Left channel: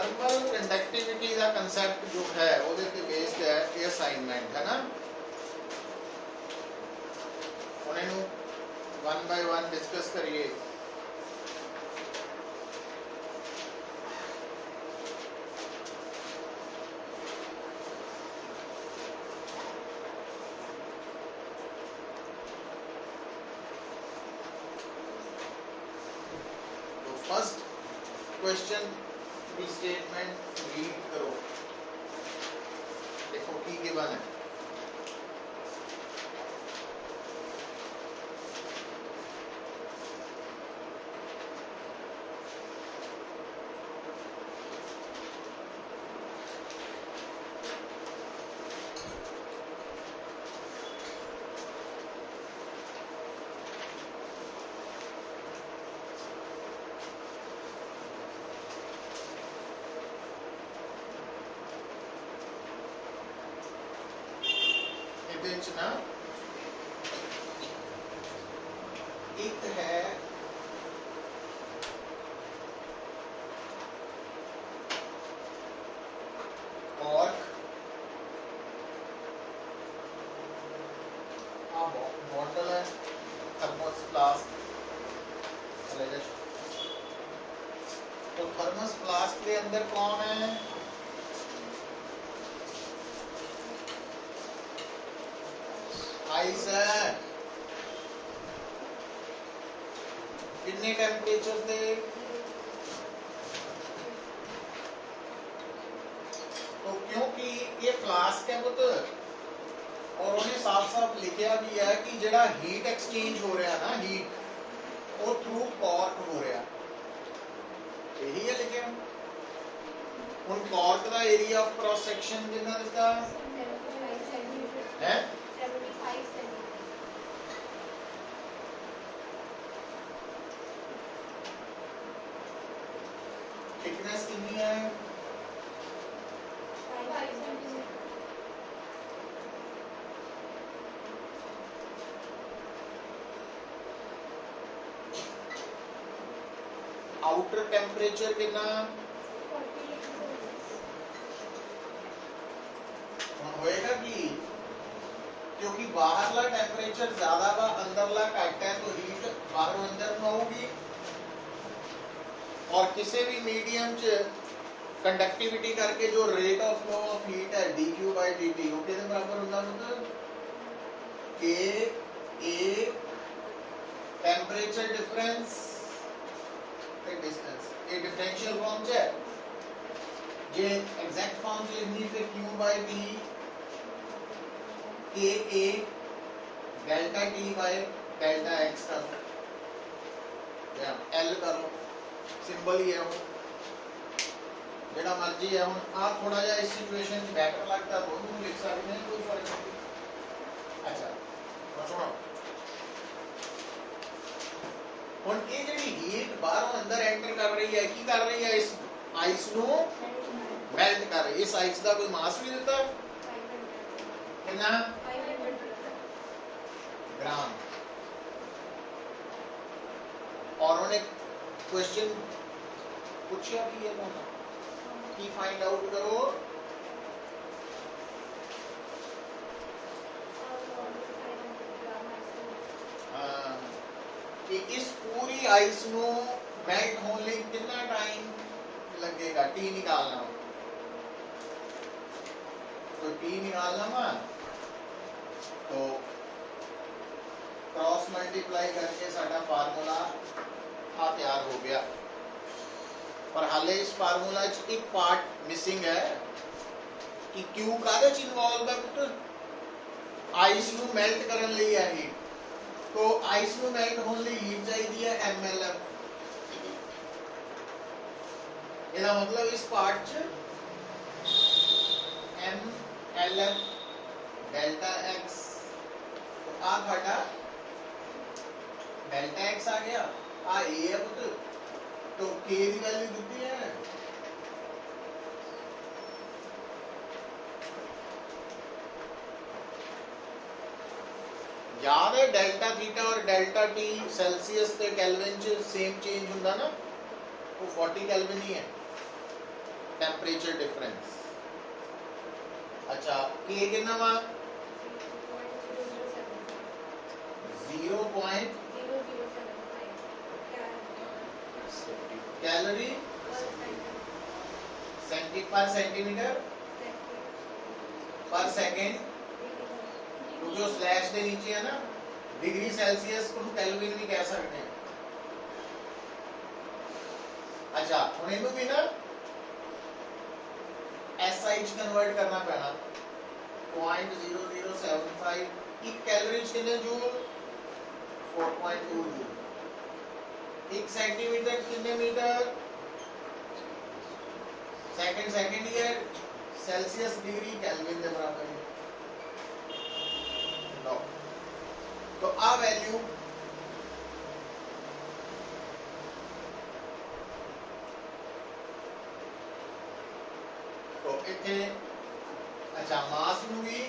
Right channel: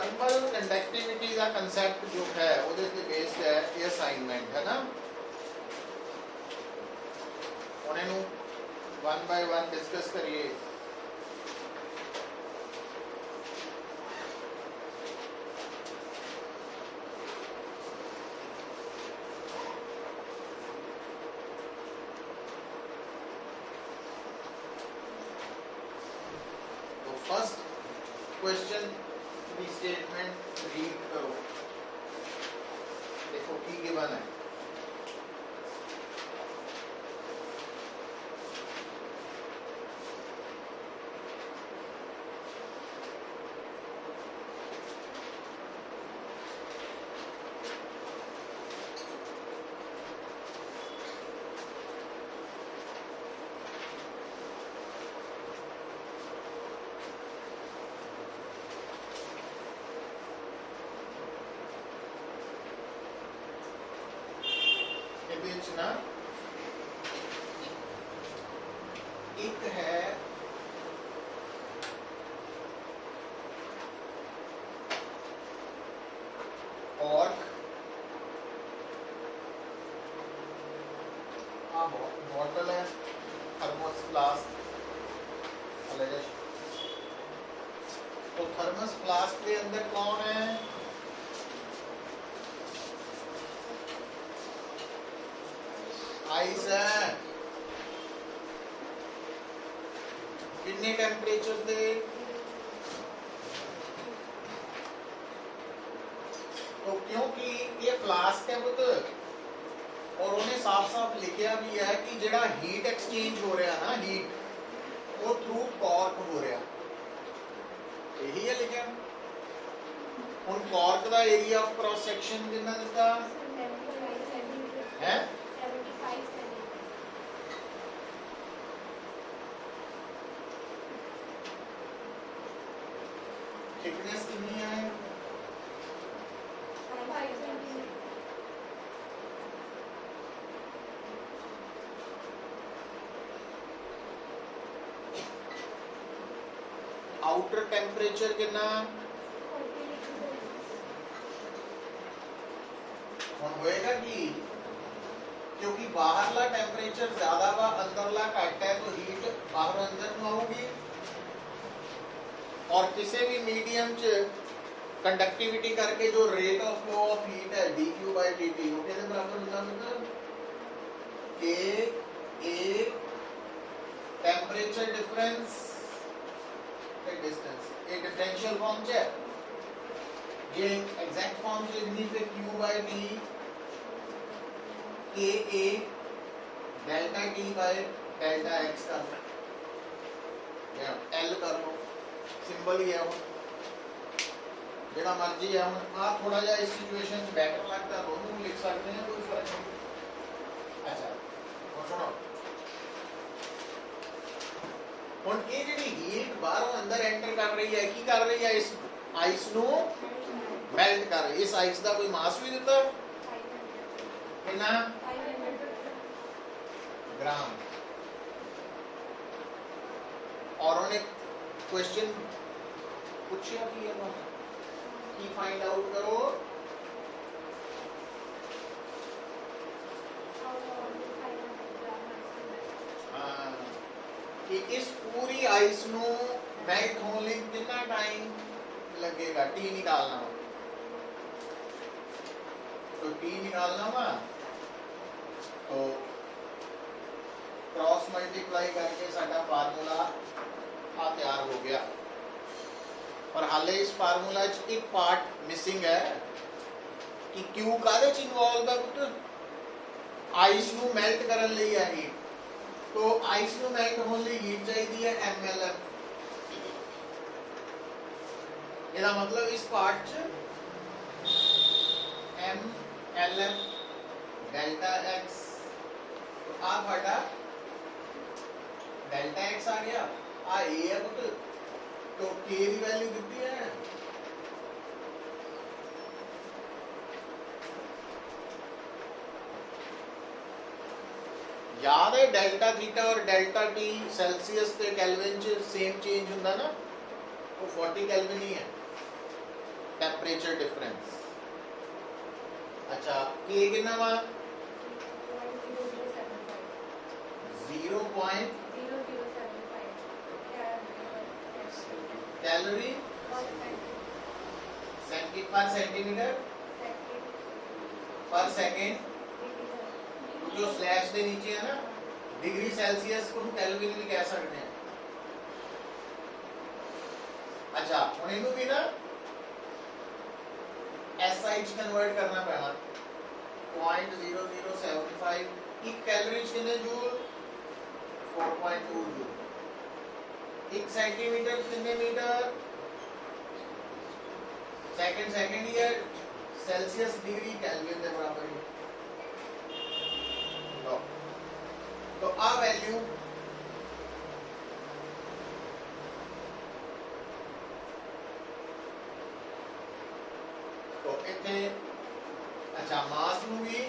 Thermal conductivity का concept जो है ਉਹਦੇ ਤੇ बेस्ड है ये असाइनमेंट है ना ਹੁਣ ਇਹਨੂੰ 1 by 1 डिस्कस करिए फर्स्ट क्वेश्चन की स्टेटमेंट रीड करो देखो की गिवन है ना एक है कॉर्क बॉटल है थर्मस फ्लास्क तो थर्मस फ्लास्क के अंदर कौन है आइस है कितने टेम्परेचर थे तो क्योंकि ये फ्लास्क है पुत और उन्हें साफ साफ लिखा भी है कि जेड़ा हीट एक्सचेंज हो रहा ना हीट वो थ्रू कॉर्क हो रहा यही है लिखा हुन कॉर्क का एरिया ऑफ क्रॉस सेक्शन कितना इसका है थिकनेस कितनी है आउटर टेम्परेचर कितना होएगा कि क्योंकि बाहरला टेम्परेचर ज्यादा वा अंदरला घट है तो हीट बाहरों अंदर में होगी और किसी भी मीडियम च कंडक्टिविटी करके जो rate of flow of heat है dq by dt वो कितने बराबर होता मतलब k a टेम्परेचर डिफरेंस एक डिस्टेंस ये डिफरेंशियल फॉर्म है ये एग्जैक्ट फॉर्म लिखनी पे q by d k a delta t by delta x का या l कर लो सिंबल ही है वो जेड़ा मर्जी है हम आप थोड़ा जा इस सिचुएशन में बेटर लगता है तो हम लिख सकते हैं कोई फर्क नहीं अच्छा और सुनो हुन ये जेडी हीट बाहरों अंदर एंटर कर रही है की कर रही है इस आइस नु मेल्ट कर रही है इस आइस का कोई मास भी देता कितना 500 ग्राम और उन्हें क्वेश्चन पूछा कि ये बात की फाइंड आउट करो कि इस पूरी आइस नु मेल्ट होने कितना टाइम लगेगा टी निकालना हो तो टी निकालना हुआ तो क्रॉस मल्टीप्लाई करके साडा फार्मूला आ तैयार हो गया पर हाले इस फार्मूला च एक पार्ट मिसिंग है कि क्यू कादे च इन्वॉल्व है पुत्र आइस नु मेल्ट करन लई है हीट तो आइस नु मेल्ट होने लई हीट चाहिए है mlf ਇਹਦਾ मतलब इस पार्ट च mlf डेल्टा x तो आ ਤੁਹਾਡਾ डेल्टा x आ गया आ a है पुत्र तो k की वैल्यू कितनी है याद है डेल्टा थीटा और डेल्टा टी सेल्सियस ते केल्विन च सेम चेंज हुंदा ना वो 40 केल्विन ही है टेम्परेचर डिफरेंस। अच्छा के कितना वा 0.0075 कैलोरी पर सेंटीमीटर पर सेकेंड, क्योंकि वो स्लैश के नीचे है ना, डिग्री सेल्सियस को केल्विन भी कह सकते हैं। अच्छा हम इनू भी ना SI कन्वर्ट करना पैना। 0.0075 एक कैलोरी कितने जूल 4.2 जूल। एक सेंटीमीटर कितने मीटर सेकंड ईयर सेल्सियस डिग्री केल्विन के बराबर है। लो तो आ वैल्यू तो इतने। अच्छा मास में भी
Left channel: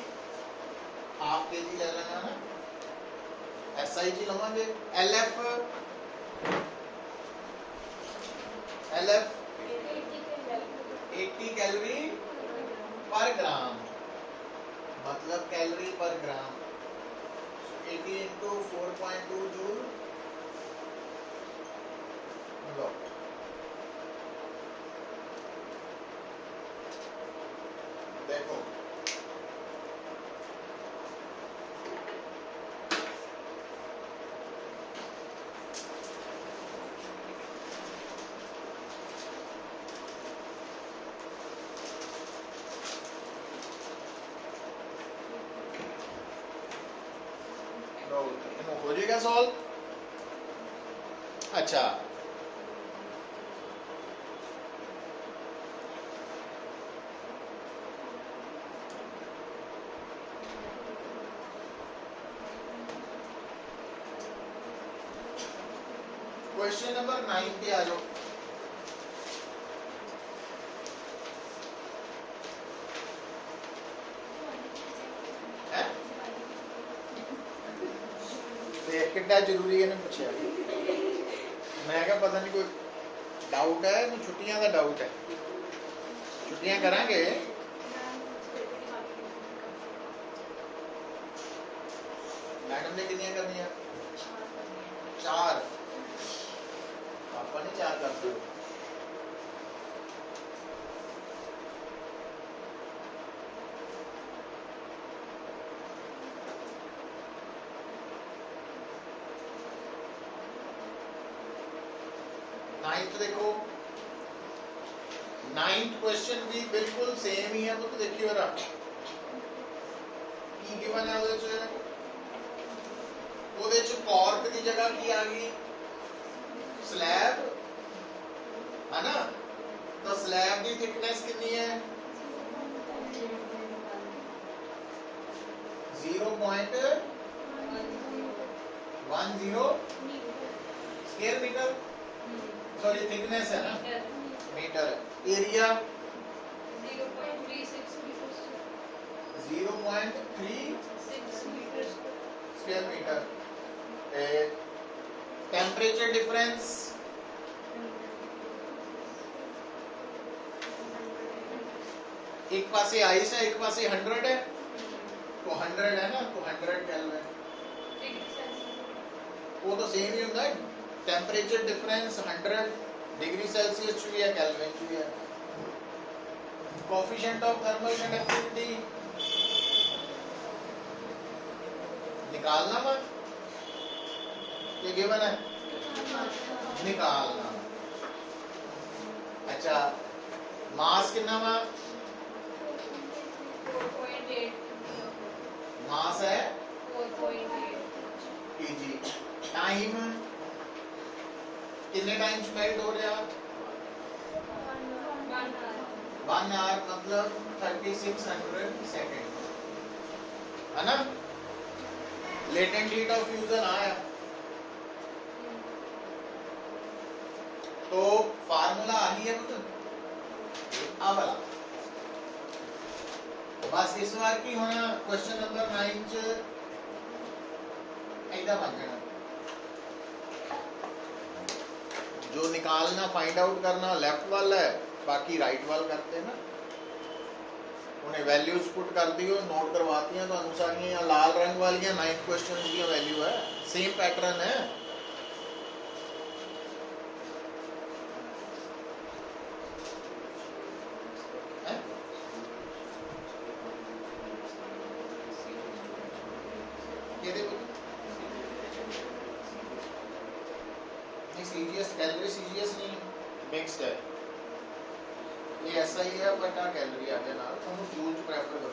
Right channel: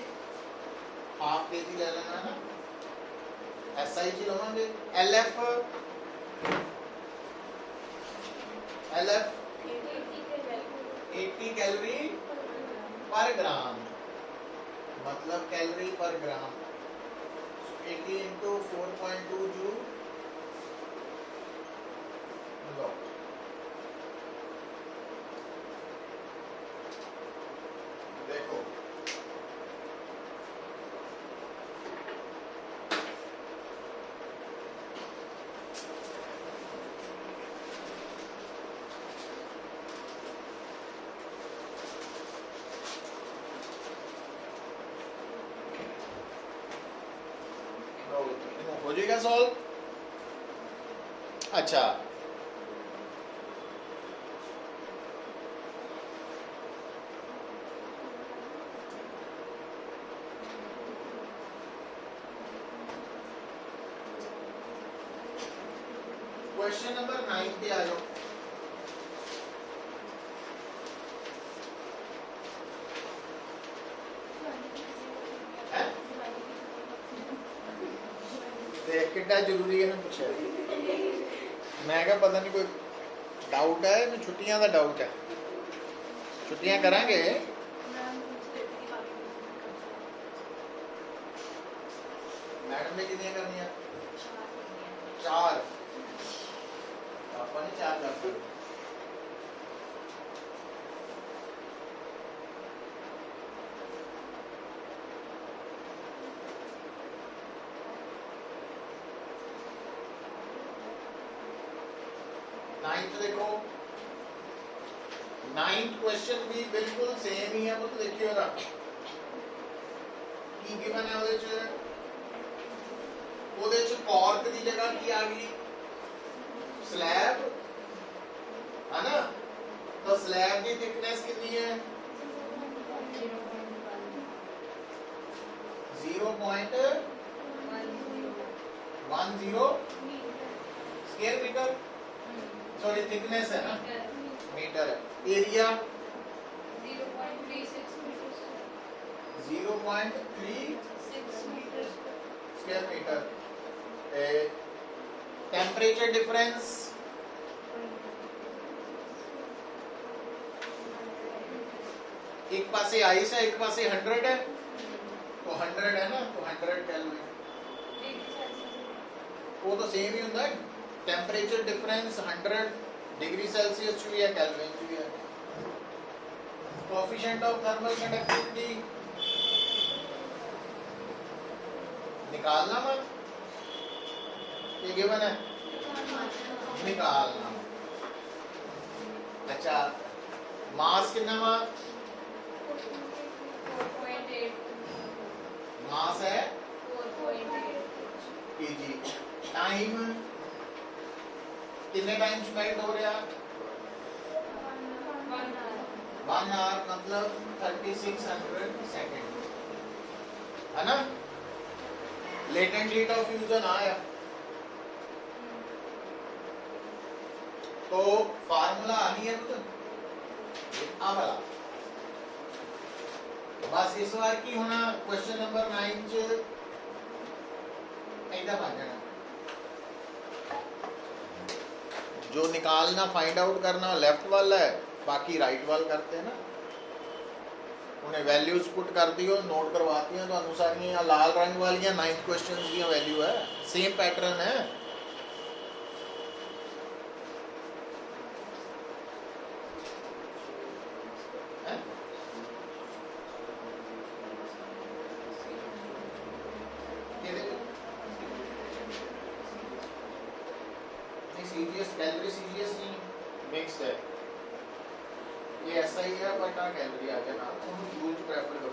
हाफ केजी ले लेना है ना, SI जी लवांगे। LF 80 कैलोरी पर ग्राम, मतलब कैलोरी पर ग्राम 80 इंटू 4.2 जूल। लो देखो हो जाएगा सॉल्व। अच्छा क्वेश्चन नंबर 9 पे आ जाओ। कितना जरूरी है ना पूछे, मैं क्या पता नहीं कोई डाउट है, छुट्टियां का डाउट है, छुट्टियां करांगे। मैडम ने कितनी करनी है 4, पापा ने 4 कर दी। नाइन्थ देखो, नाइन्थ क्वेश्चन भी बिल्कुल सेम ही है। मतलब देखियो ना की गिवन है ਉਹਦੇ ਚ कॉर्क की जगह की आ गई स्लैब है ना। तो स्लैब की थिकनेस कितनी है 0.10 स्क्वायर मीटर, सॉरी थिकनेस है ना, मीटर है। Area 0.36 square metre. Temperature difference एक पासे आइस है, एक पासे 100 है, तो 100 है ना, तो 100 केल्विन। वो तो सेम ही होता है। टेम्परेचर डिफरेंस 100 डिग्री सेल्सियस च भी है, केल्विन च भी है। कोएफिशिएंट ऑफ थर्मल कंडक्टिविटी निकालना मत, ये गिवन है निकालना। अच्छा मास कितना वा मास है 4.8 केजी। टाइम कितने टाइम मेल्ट हो रहा 1 आवर, मतलब 3600 सेकेंड है ना। लेटेंट हीट ऑफ फ्यूजन आया तो फार्मूला आनी है मतलब आ वाला। बस इस बार की होना क्वेश्चन नंबर 9 च ऐसा बन जाना, जो निकालना फाइंड आउट करना लेफ्ट वाला है बाकी राइट वाल करते हैं ना, उन्हें वैल्यूज पुट कर दियो, नोट करवाती तो सारियां लाल रंग वाली 9th क्वेश्चन की वैल्यू है, सेम पैटर्न है। सीजीएस कैलोरी सीजीएस नहीं मिक्स्ड है, ये ऐसा ही है पर क्या कैलोरी आते ना तुम यूज प्रेफर करो,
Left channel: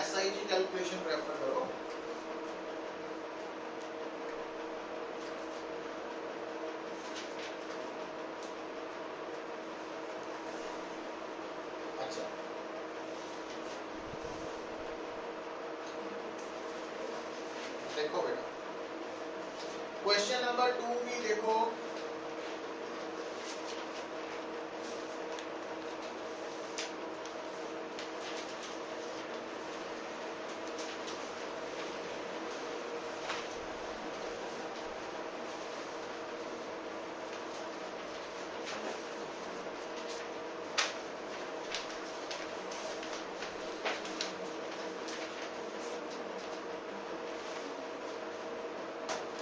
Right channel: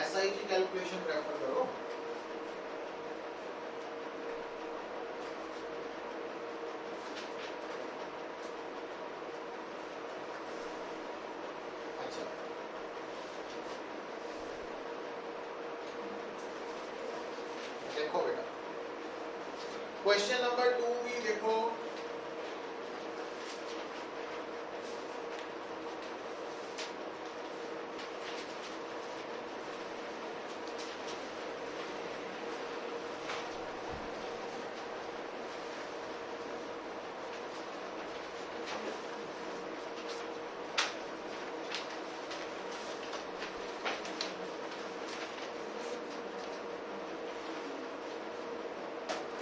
ऐसा ही कैलकुलेशन प्रेफर करो। अच्छा देखो बेटा क्वेश्चन नंबर 2 की देखो,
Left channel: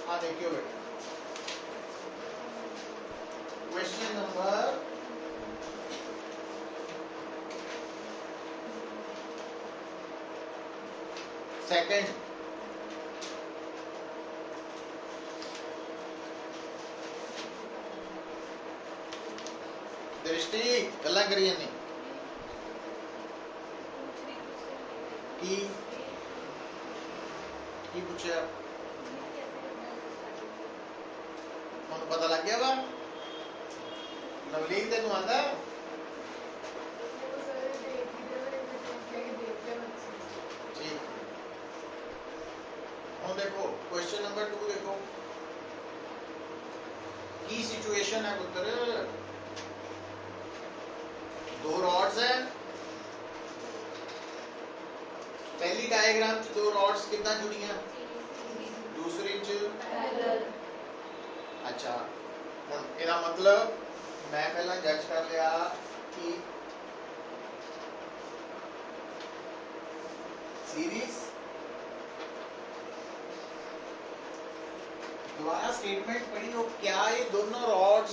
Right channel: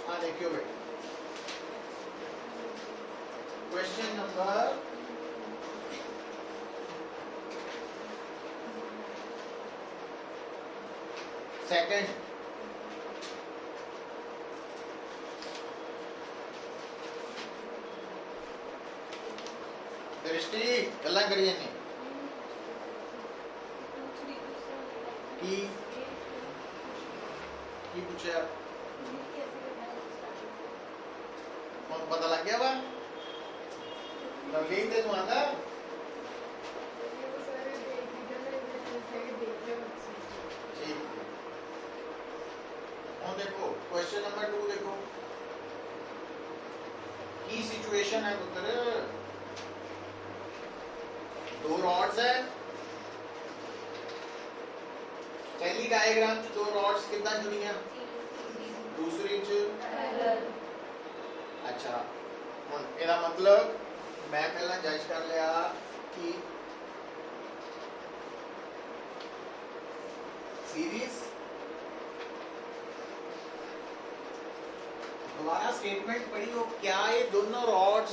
हाँ देखियो बेटा क्वेश्चन नंबर सेकंड, दृष्टि गल्ला करिए नहीं की पूछा हम पता लग गया वा नवलीन तेन आता ठीक। हम देखो क्वेश्चन नंबर 2 देखो की सिचुएशन है पुत्र, दो रॉड्स है, पहली डायग्राम च दो रॉड्स कितना जुड़ियां, दूसरी च अच्छा ਇਹਦਾ मतलब मैं पहला जज कर लिया कि सीरीज दोबारा स्टेटमेंट पढ़ी हो, क्या ये दोनों रॉड्स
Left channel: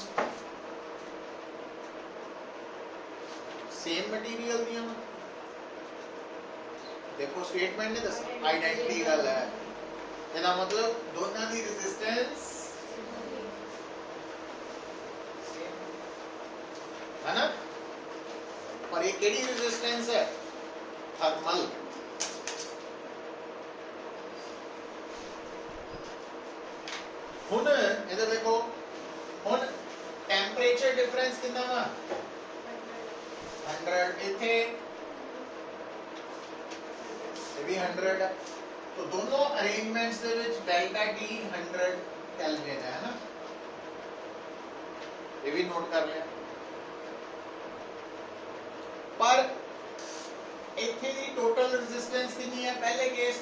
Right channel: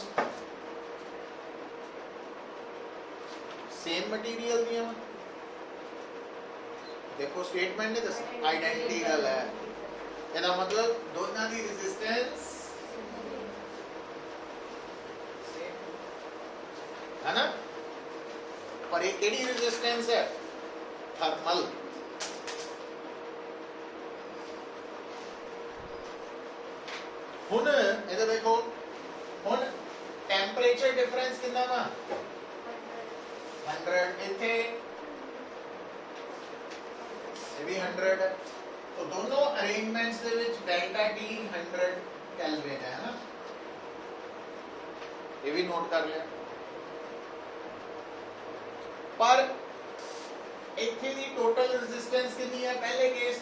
सेम मटेरियल दियां? देखो स्टेटमेंट ने दस आइडेंटिकल है, ਇਹਦਾ मतलब दोनों की रेजिस्टेंस है ना, पर ये केड़ी रेजिस्टेंस है, थर्मल। हुन इधर देखो, हुन टेंपरेचर डिफरेंस कितना वा 100, इथे ये भी 100 है, तो दोनों अरेंजमेंट्स दे विच डेल्टा टी 100 केल्विन है ना, ये भी नोट कर लिया। पर इथे दी टोटल रेजिस्टेंस कितनी है, पहले case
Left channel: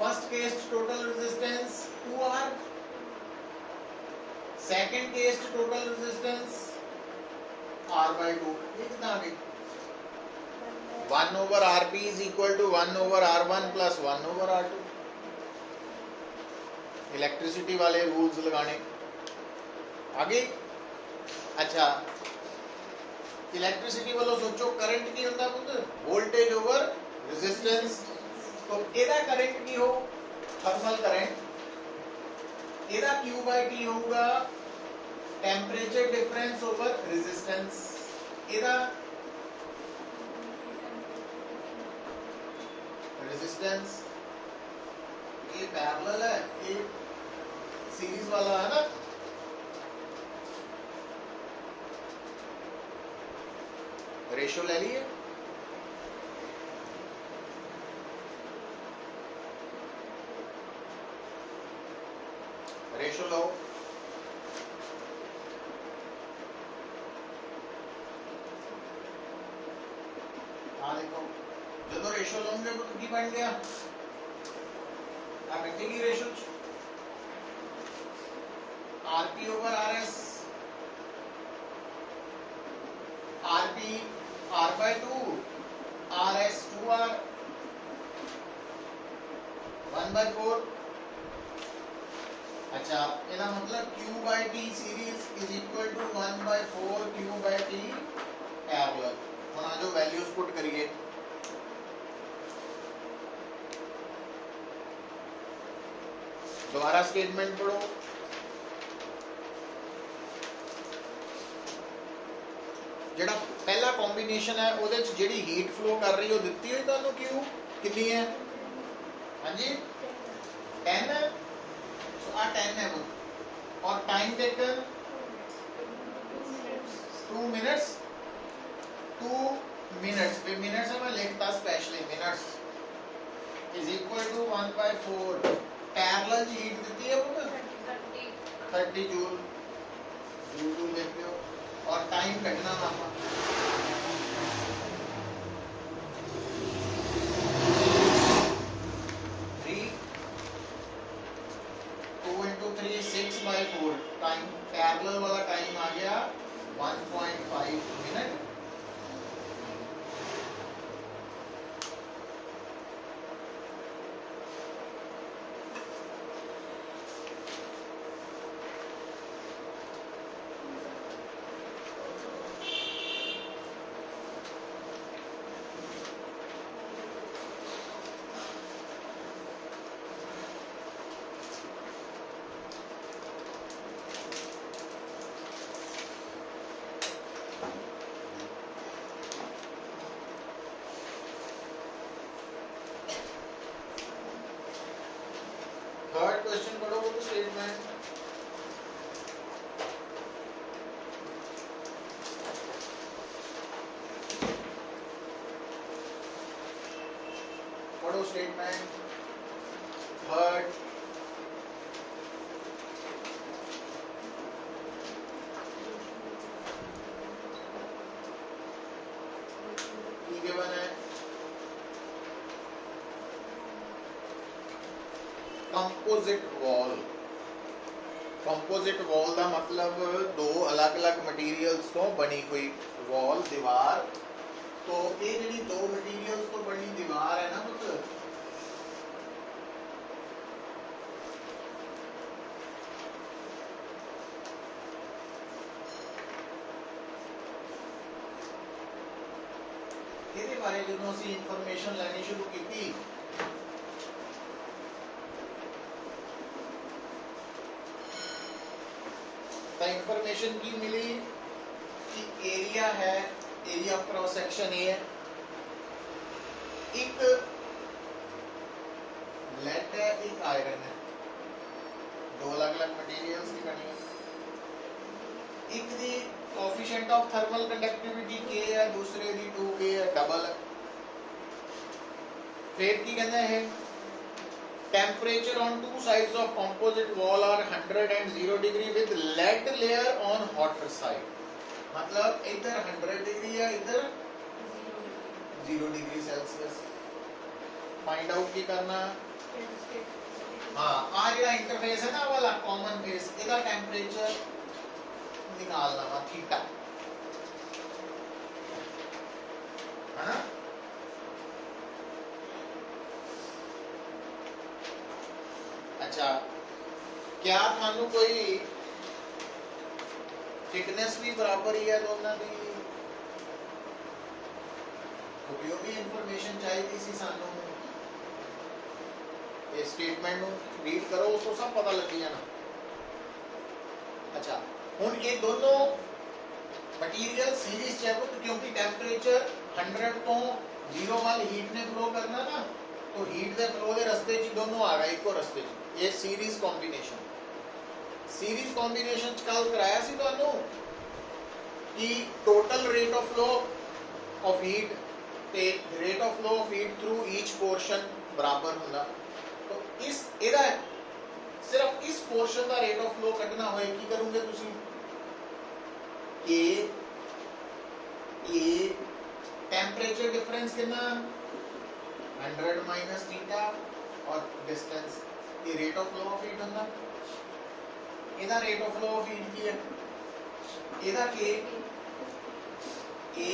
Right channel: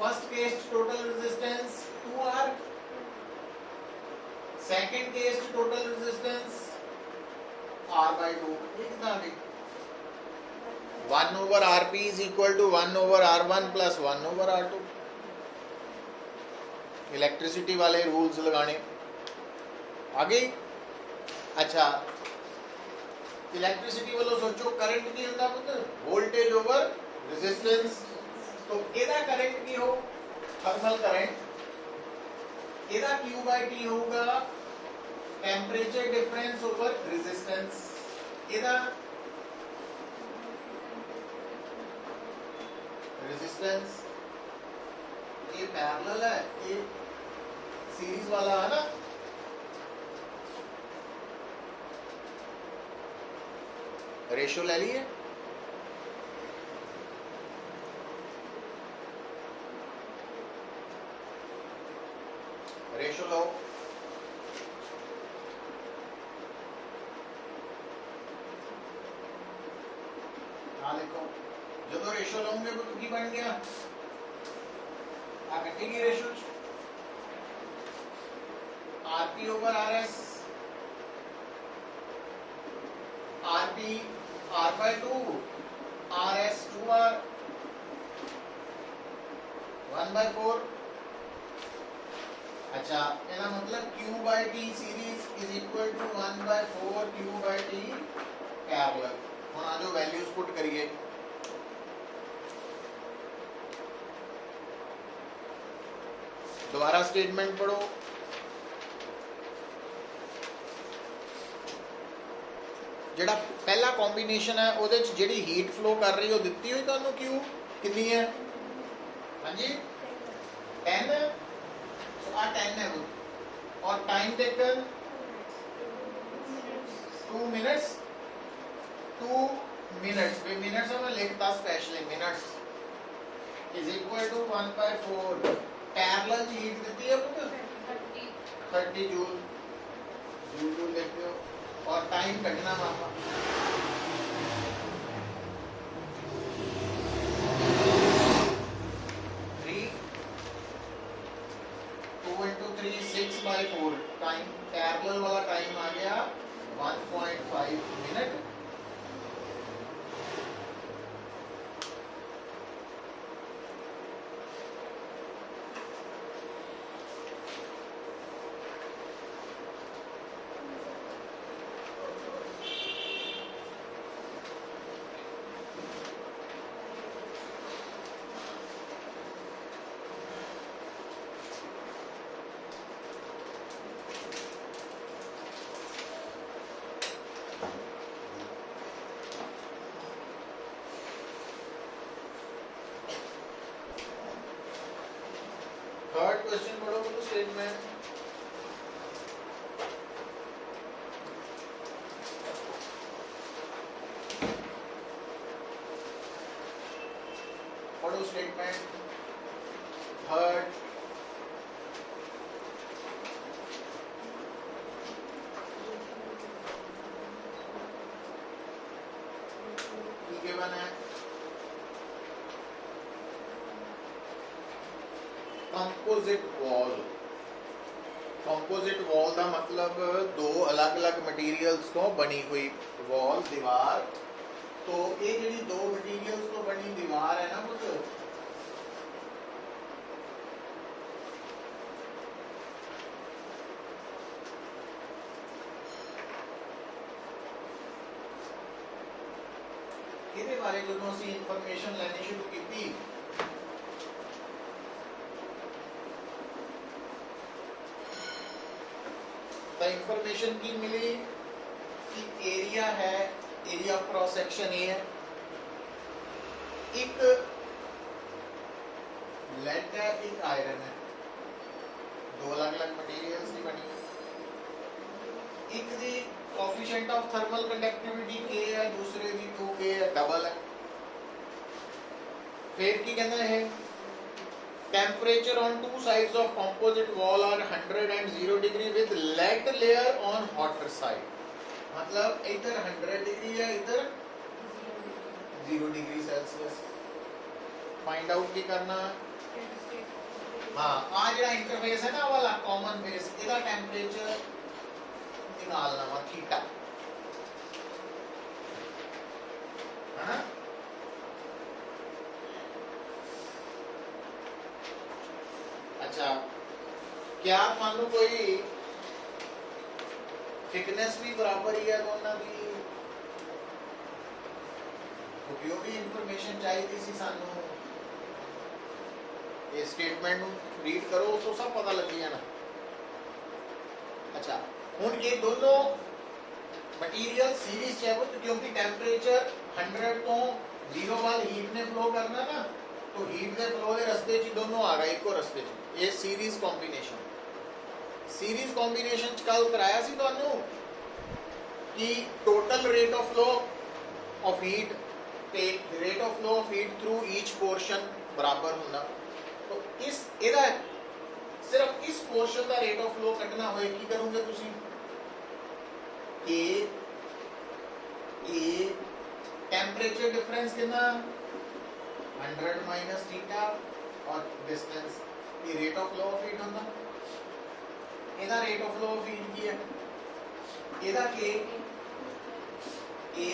first case total resistance 2R, second case total resistance R/2, ये कितना आ गई 1/Rp is equal to 1/R1 plus 1/R2। Electricity वाले रूल्स लगाने आगे। अच्छा इलेक्ट्रिसिटी वालों सोचो करंट की होता पुत्र, वोल्टेज ओवर रेजिस्टेंस, तो एदा करंट की हो थर्मल करंट, एदा Q/T होगा टेंपरेचर डिफरेंस ओवर रेजिस्टेंस, एदा रेजिस्टेंस, ये पैरेलल है, ये सीरीज वाला है ना, रेशियो ले लिए, रेशियो लो, हाँ देखो जो रेशियो लोगे तो की बन गया आप की ratio RP/RS RP R by 2, RS 2R 1 by 4। अच्छा ਇਹਦਾ मतलब Q by T series is equal to 1 by 4 Q by T parallel। ਹੁਣ ਆ ਜੋ ਵੈਲਿਊਜ਼ ਪੁੱਟ ਕਰੀਏ, दोबारा स्टेटमेंट पढ़ो। जेड़ा पहला कॉम्बिनेशन है ਉਹਦੇ ਚ ਜਿਹੜੀ हीट फ्लो कर रही है ਦਿੱਤੀ ਹੋਈ ਤੁਹਾਨੂੰ Q कितनी है? हाँ जी 10 है। सो आ 10 है वो, और टाइम टेकन 2 मिनट्स। 2 मिनट्स पे मिनट्स है, मैं लिखता specially minutes is equal to 1 by 4 parallel heat देती है वो 30 जूल। जूल लिखते हो और टाइम कटना मामा 2 into 3 6 by 4। टाइम पैरेलल वाला टाइम आ गया 1.5 मिनट। थर्ड क्वेश्चन पढ़ो तो स्टेटमेंट। पढ़ो स्टेटमेंट थर्ड। गिवन है कंपोजिट वॉल। कंपोजिट वॉल का मतलब दो अलग अलग मटीरियल्स तो बनी हुई वॉल दीवार। तो ये जी दो मटीरियल्स तो बनी दीवार है ना कुछ, ये बारे जो असी इंफॉर्मेशन लेनी शुरू की तो इंफॉर्मेशन की मिली कि एरिया है, एरिया ऑफ क्रॉस सेक्शन ये है, एक लेड है एक आयरन है, दो अलग अलग मटेरियल्स की बनी। एक जी coefficient of thermal conductivity K है, दूसरे दी 2K है, डबल है। फिर की कहते हैं temperature on two sides of composite wall are 100 and 0 degree with lead layer on hotter side। मतलब इधर 100 डिग्री है, इधर 0 डिग्री सेल्सियस। फाइंड आउट की करना, हाँ आ जो इंटरफेस है ना वाला कॉमन फेस, इसका टेम्परेचर निकालना वा थीटा है ना। अच्छा क्या मान लो कोई थिकनेस भी बराबर ही है दोनों की, उपयोगी इंफॉर्मेशन चाहिए सी सानू। ये स्टेटमेंट रीड करो तो सब पता लग गया ना। अच्छा हुन ये दोनों मटीरियल सीरीज है वो, क्योंकि टेम्परेचर 100 तो 0 वाल हीट ने फ्लो करना ना, तो हीट के फ्लो के रस्ते च दोनों आ गए इको रस्ते च। ये सीरीज कॉम्बिनेशन, सीरीज कॉम्बिनेशन कल कराया सी तुहानू कि total rate of flow of heat ते rate of flow of heat through each portion बराबर होना। तो इस एदा सिर्फ इस पोर्शन का रेट ऑफ फ्लो कटना होए की करोगे तुसी, ए टेम्परेचर डिफरेंस कितना 100 माइनस थीटा और डिस्टेंस, ये rate of flow of heat होना। एदा rate of flow of heat की है, एदा के A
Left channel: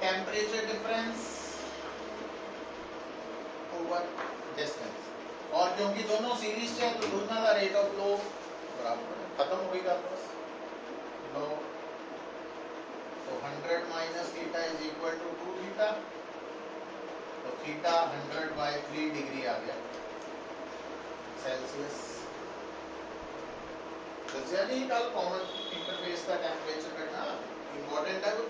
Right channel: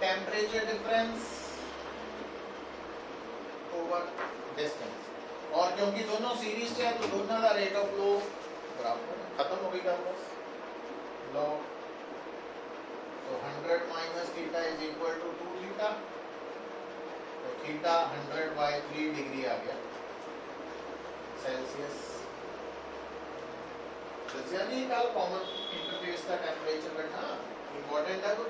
temperature difference over distance, और क्योंकि दोनों सीरीज से है तो दोनों का रेट ऑफ फ्लो बराबर है, खत्म हो गई बात बस। लो तो 100 minus theta is equal to 2 theta, तो थीटा 100 बाय 3 डिग्री आ गया सेल्सियस। यानी कल कॉमन इंटरफेस का टेम्परेचर करना इंपॉर्टेंट है तो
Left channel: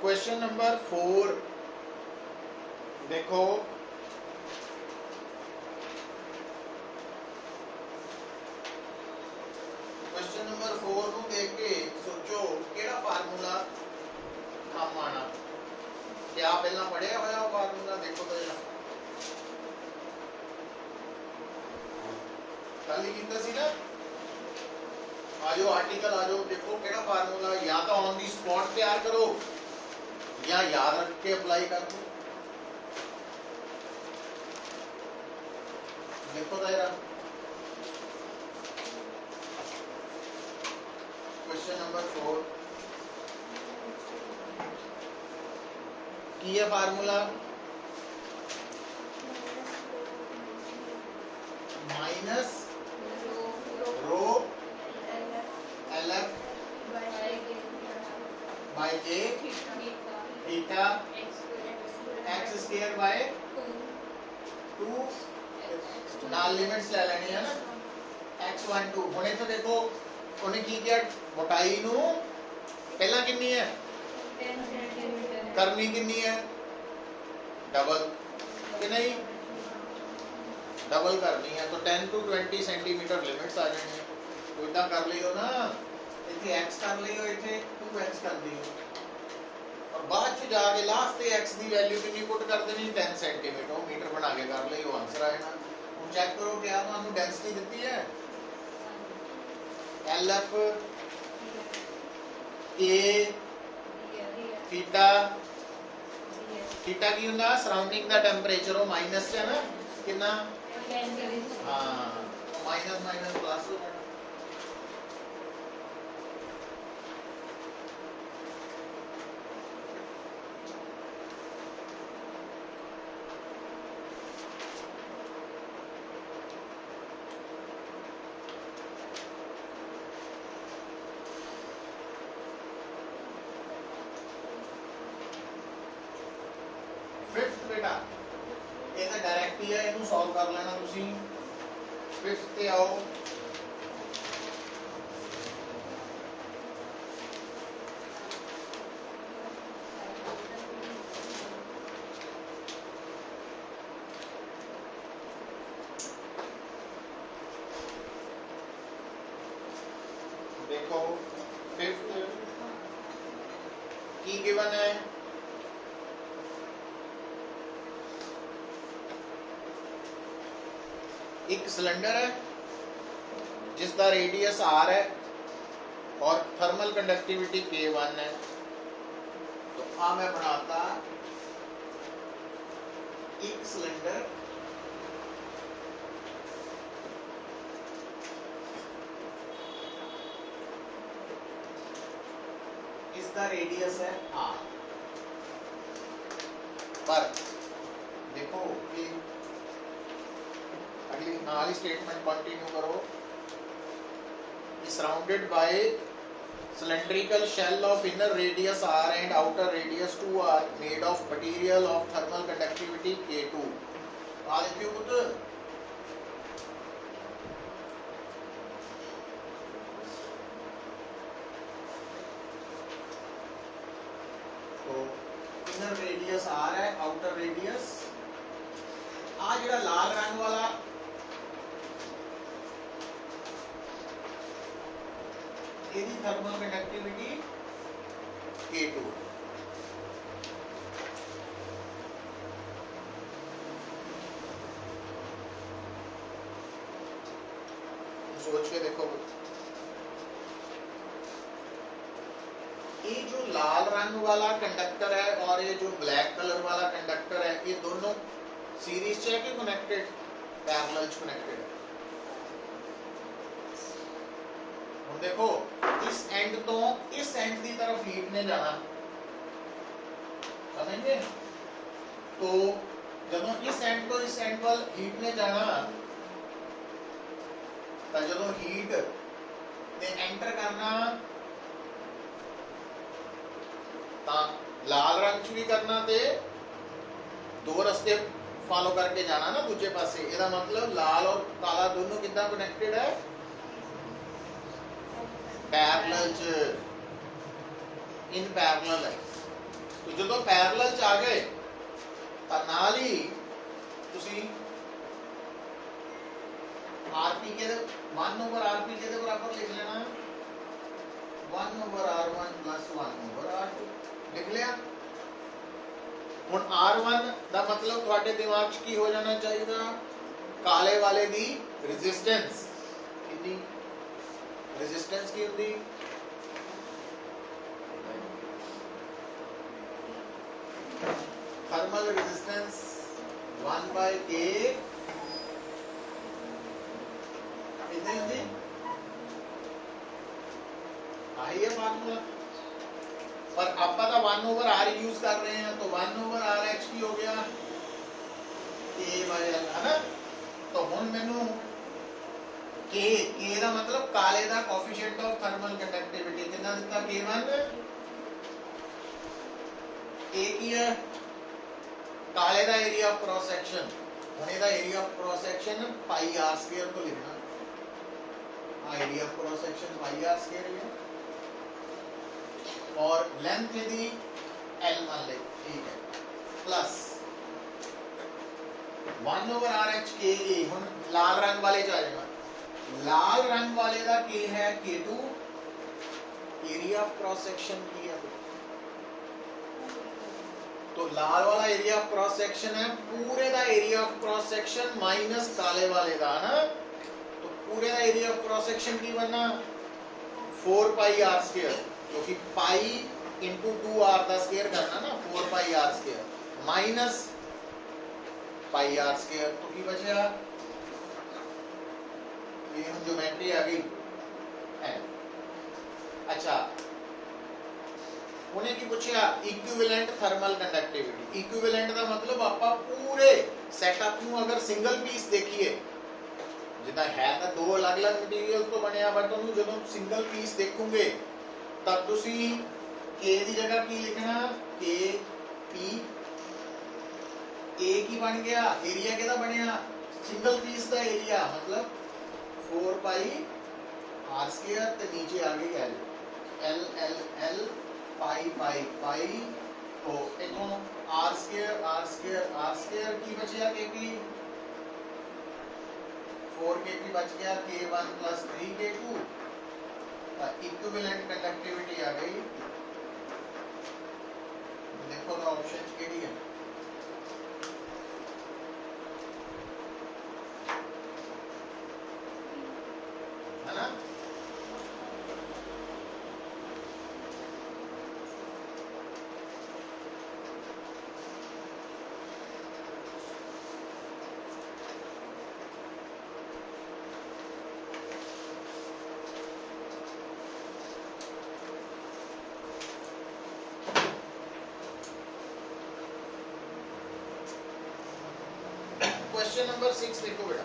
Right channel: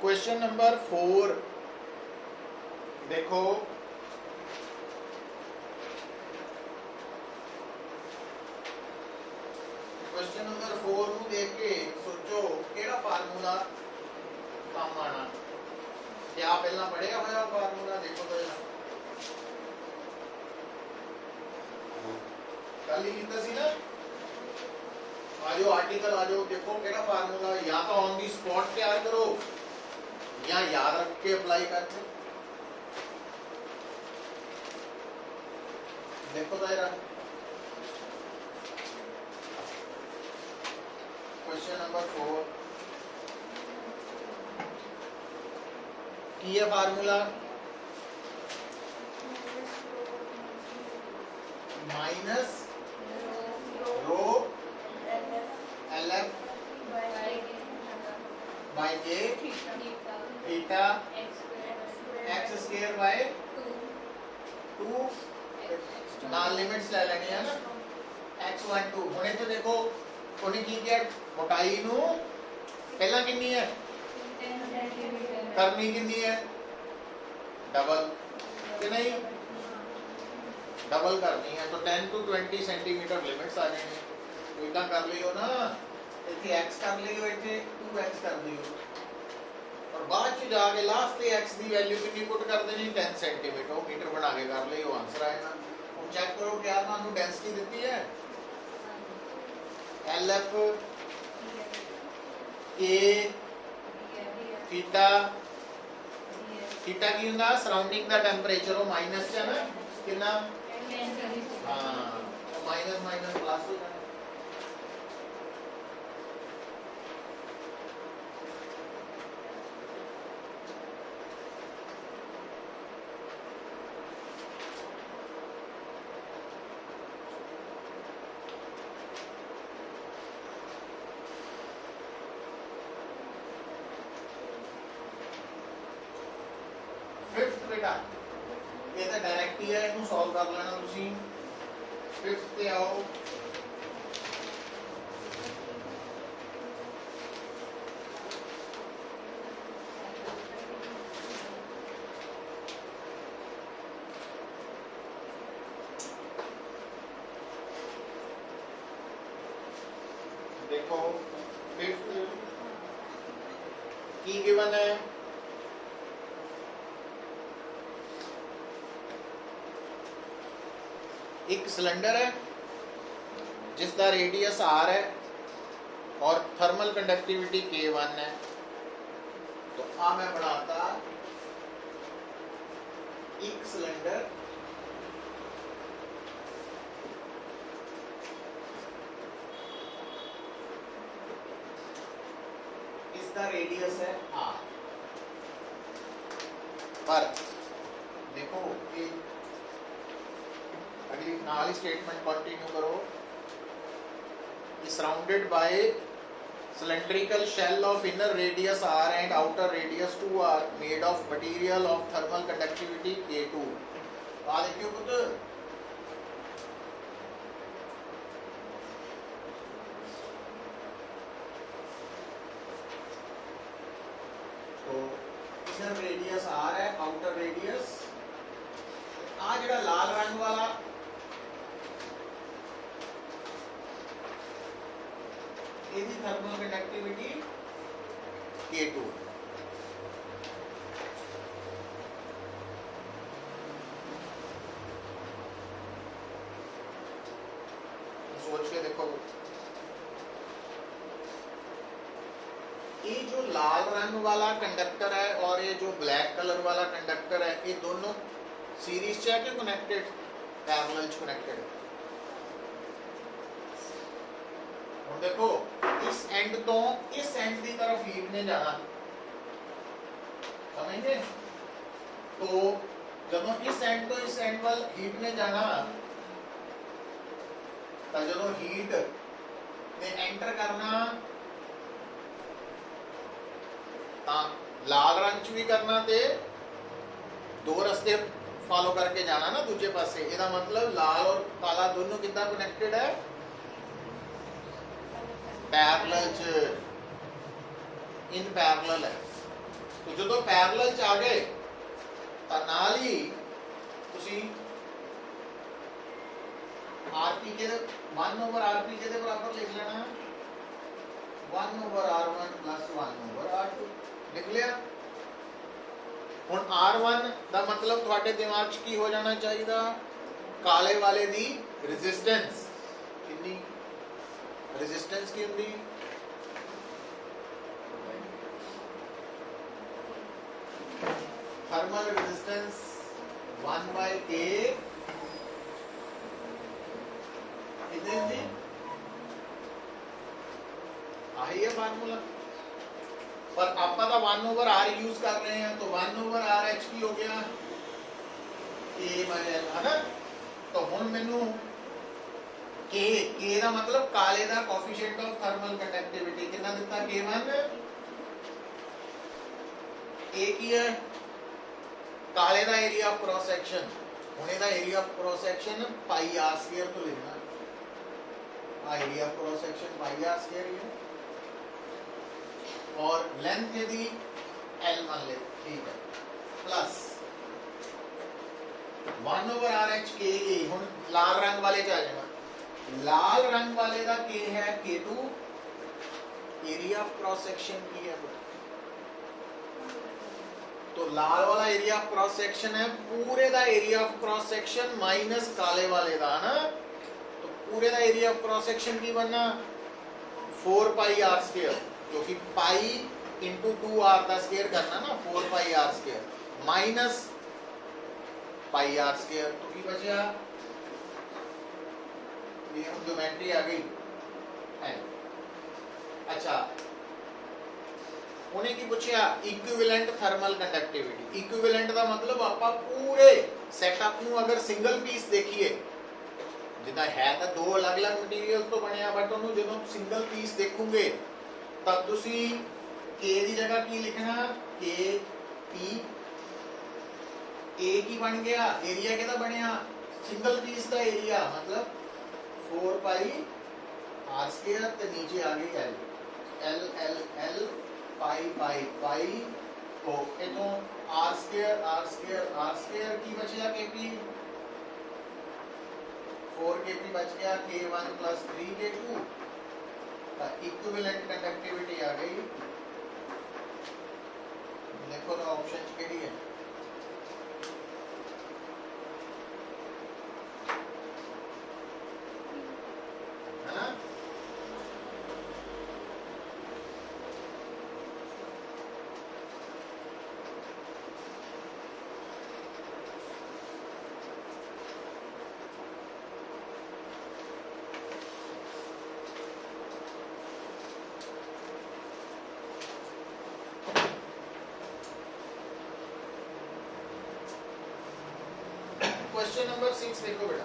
क्वेश्चन नंबर 4 देखो, क्वेश्चन नंबर 4 ਨੂੰ ਦੇਖ ਕੇ ਸੋਚੋ ਕਿਹੜਾ ਫਾਰਮੂਲਾ ਕੰਮ ਆਣਾ। क्या पहला पढ़ेगा होया फार्मूला देखो तो जरा कल ही कितना सी ना, आजो आर्टिकल आजो देखो केड़ा फार्मूला, या तो ऑन दी स्पॉट तैयार करो या याद रख के अप्लाई कर दो। देखो तो जरा क्वेश्चन नंबर 4 की है formula minus rho L F by J theta X square by 2 नाल लिमिट्स ले लेनी है ना x1 2 होने तो देखो उन्हें की किया मोटाई नु पहला कितनी है करनी कितनी है डबल कि नहीं, डबल करनी है तो 10 to 20 सेंटीमीटर लिमिट्स आ जाएंगे। तो इतना कर लियो ना, इतने x कर लियो, इतने 2x कर लियो और बाद में जाके लास्ट पे x दी वैल्यू कितनी पुट कर देनी 10 सेंटीमीटर मीटर बना के कर लियो, आंसर आएगा। हम चेक करो क्या मानो डेंसिटी देती है LF A थीटा थीटा की ਹੁੰਦਾ सराउंडिंग ਦਾ ਟੈਂਪਰੇਚਰ ਉਹ ਮਾਈਨਸ ਹੈ ਨਾ ਕਿੰਨਾ ਹਾਂ ਮਾਈਨਸ ਮਾਈਨਸ ਪਲੱਸ ਹੋ ਜਾਣਾ। फिफ्थ बेटा ये तो डायरेक्ट ही है, इनू सॉल्व कर लेना तुसी। फिफ्थ पे आओ, देखो फिफ्थ की गिवन है एक सिलेंडर है जिसका रेडियस r है और थर्मल कंडक्टिविटी K1 है। तो आ मैं बनाता एक सिलेंडर इसका रेडियस है r, पर देखो ये अगली नाली स्टेटमेंट कंटिन्यू करो। Surrounded by cylindrical shell of inner radius r and outer radius 2 are made of material of thermal conductivity K2। आ देखियो पुत्र तो inner radius r है, outer radius आ जेड़ा लाल रंग वाला यदि थर्मल कंडक्टिविटी K2। सोच के देखो लाल रंग वाला कंडक्टर है और ये जो ब्लैक कलर वाला कंडक्टर है, ये दोनों सीरीज च है कि कनेक्टेड, पैरेलल च कनेक्टेड है। हुण देखो इस एंड तो इस एंड की तरफ हीट ने जाना, समझे? तो जदों इस एंड तो इस एंड वाल हीट ने जाना, तो जदों हीट ने एंटर करना ਤਾਂ लाल रंग च भी करना ते दो रस्ते फॉलो करके जाना ना दूजे पासे। ਇਹਦਾ मतलब लाल और काला दोनों कितना कनेक्टेड है, पैरेलल च, इन पैरेलल है। तो जो पैरेलल च आ गए ਤਾਂ ਨਾਲ ही ਤੁਸੀਂ आरपी के 1/rp के बराबर लिख लेना 1/r1 प्लस 1/r2 लिख लिया। ਹੁਣ R1 ਦਾ ਮਤਲਬ ਤੁਹਾਡੇ ਦਿਮਾਗ 'ਚ ਕੀ ਹੋ ਜਾਣਾ ਚਾਹੀਦਾ, ਕਾਲੇ ਵਾਲੇ ਦੀ ਰੈਜ਼ਿਸਟੈਂਸ ਕਿੰਨੀ, ਰੈਜ਼ਿਸਟੈਂਸ ਕੀ ਹੁੰਦੀ, थर्मल रेजिस्टेंस 1/K कितनी थी, आई है फार्मूला, पर आप तो 1/r यूज कर रहे हैं, तो 1/RH की हो गया K/L है ना। तो हुण मैनू K का मतलब काले का कोएफिशिएंट ऑफ थर्मल कंडक्टिविटी कितना दिता, K1, A की है काले का एरिया ऑफ क्रॉस सेक्शन, हुण इहदा area of cross section πr² तो लिखना, आ area of cross section πr² है और लेंथ यदि L मान ले, ठीक है, प्लस 1/RH K। हुण लाल रंग वाले च आ जाएगा, लाल रंग वाले का K है K2, area of cross section की है, तो लाल वाला एरिया ऑफ क्रॉस सेक्शन है पूरे का area of cross section minus काले वाले का ना, तो पूरे का एरिया ऑफ क्रॉस सेक्शन की बनना 4πr², क्योंकि पाई इंटू 2r का स्क्वायर करना ना, 4πr² माइनस πr², तो की बचा, ये हम ज्योमेट्री आ गई है। अच्छा उन्हें की पूछा इक्विवेलेंट थर्मल कंडक्टिविटी, इक्विवेलेंट का मतलब आपा पूरे सैटअप नू अगर सिंगल पीस देखिए, जिदा है तो दो अलग अलग मटीरियल तो बनया, बट उन्होंने जो सिंगल पीस देखोगे तब तुसी K की जगह की लिखना, K P, A की बन गया, एरिया के बनया सिंगल पीस का एरिया मतलब 4πr², तो नीचे आ गई L, L L L पाई तो इनो r² की बचिया KP, 4KP बच गया, K1 plus 3K2, equivalent conductivity आ गई। देखो तो ऑप्शन केड़ी है, है ना। क्वेश्चन नंबर 6 देखो बेटा,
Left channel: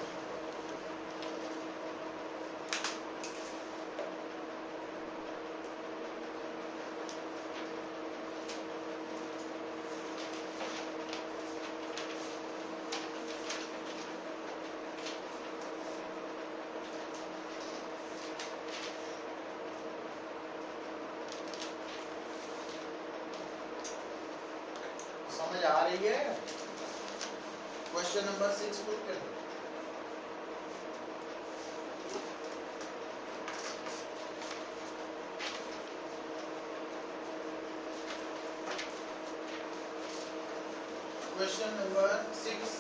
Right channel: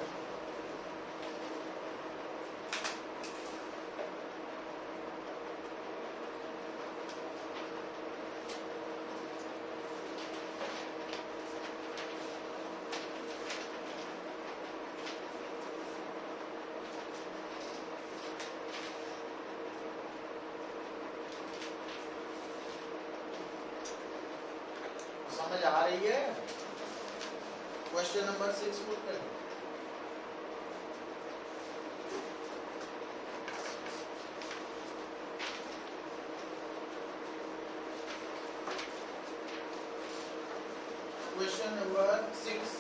समझ आ रही है? क्वेश्चन नंबर 6 पुट कर दो। क्वेश्चन नंबर 6,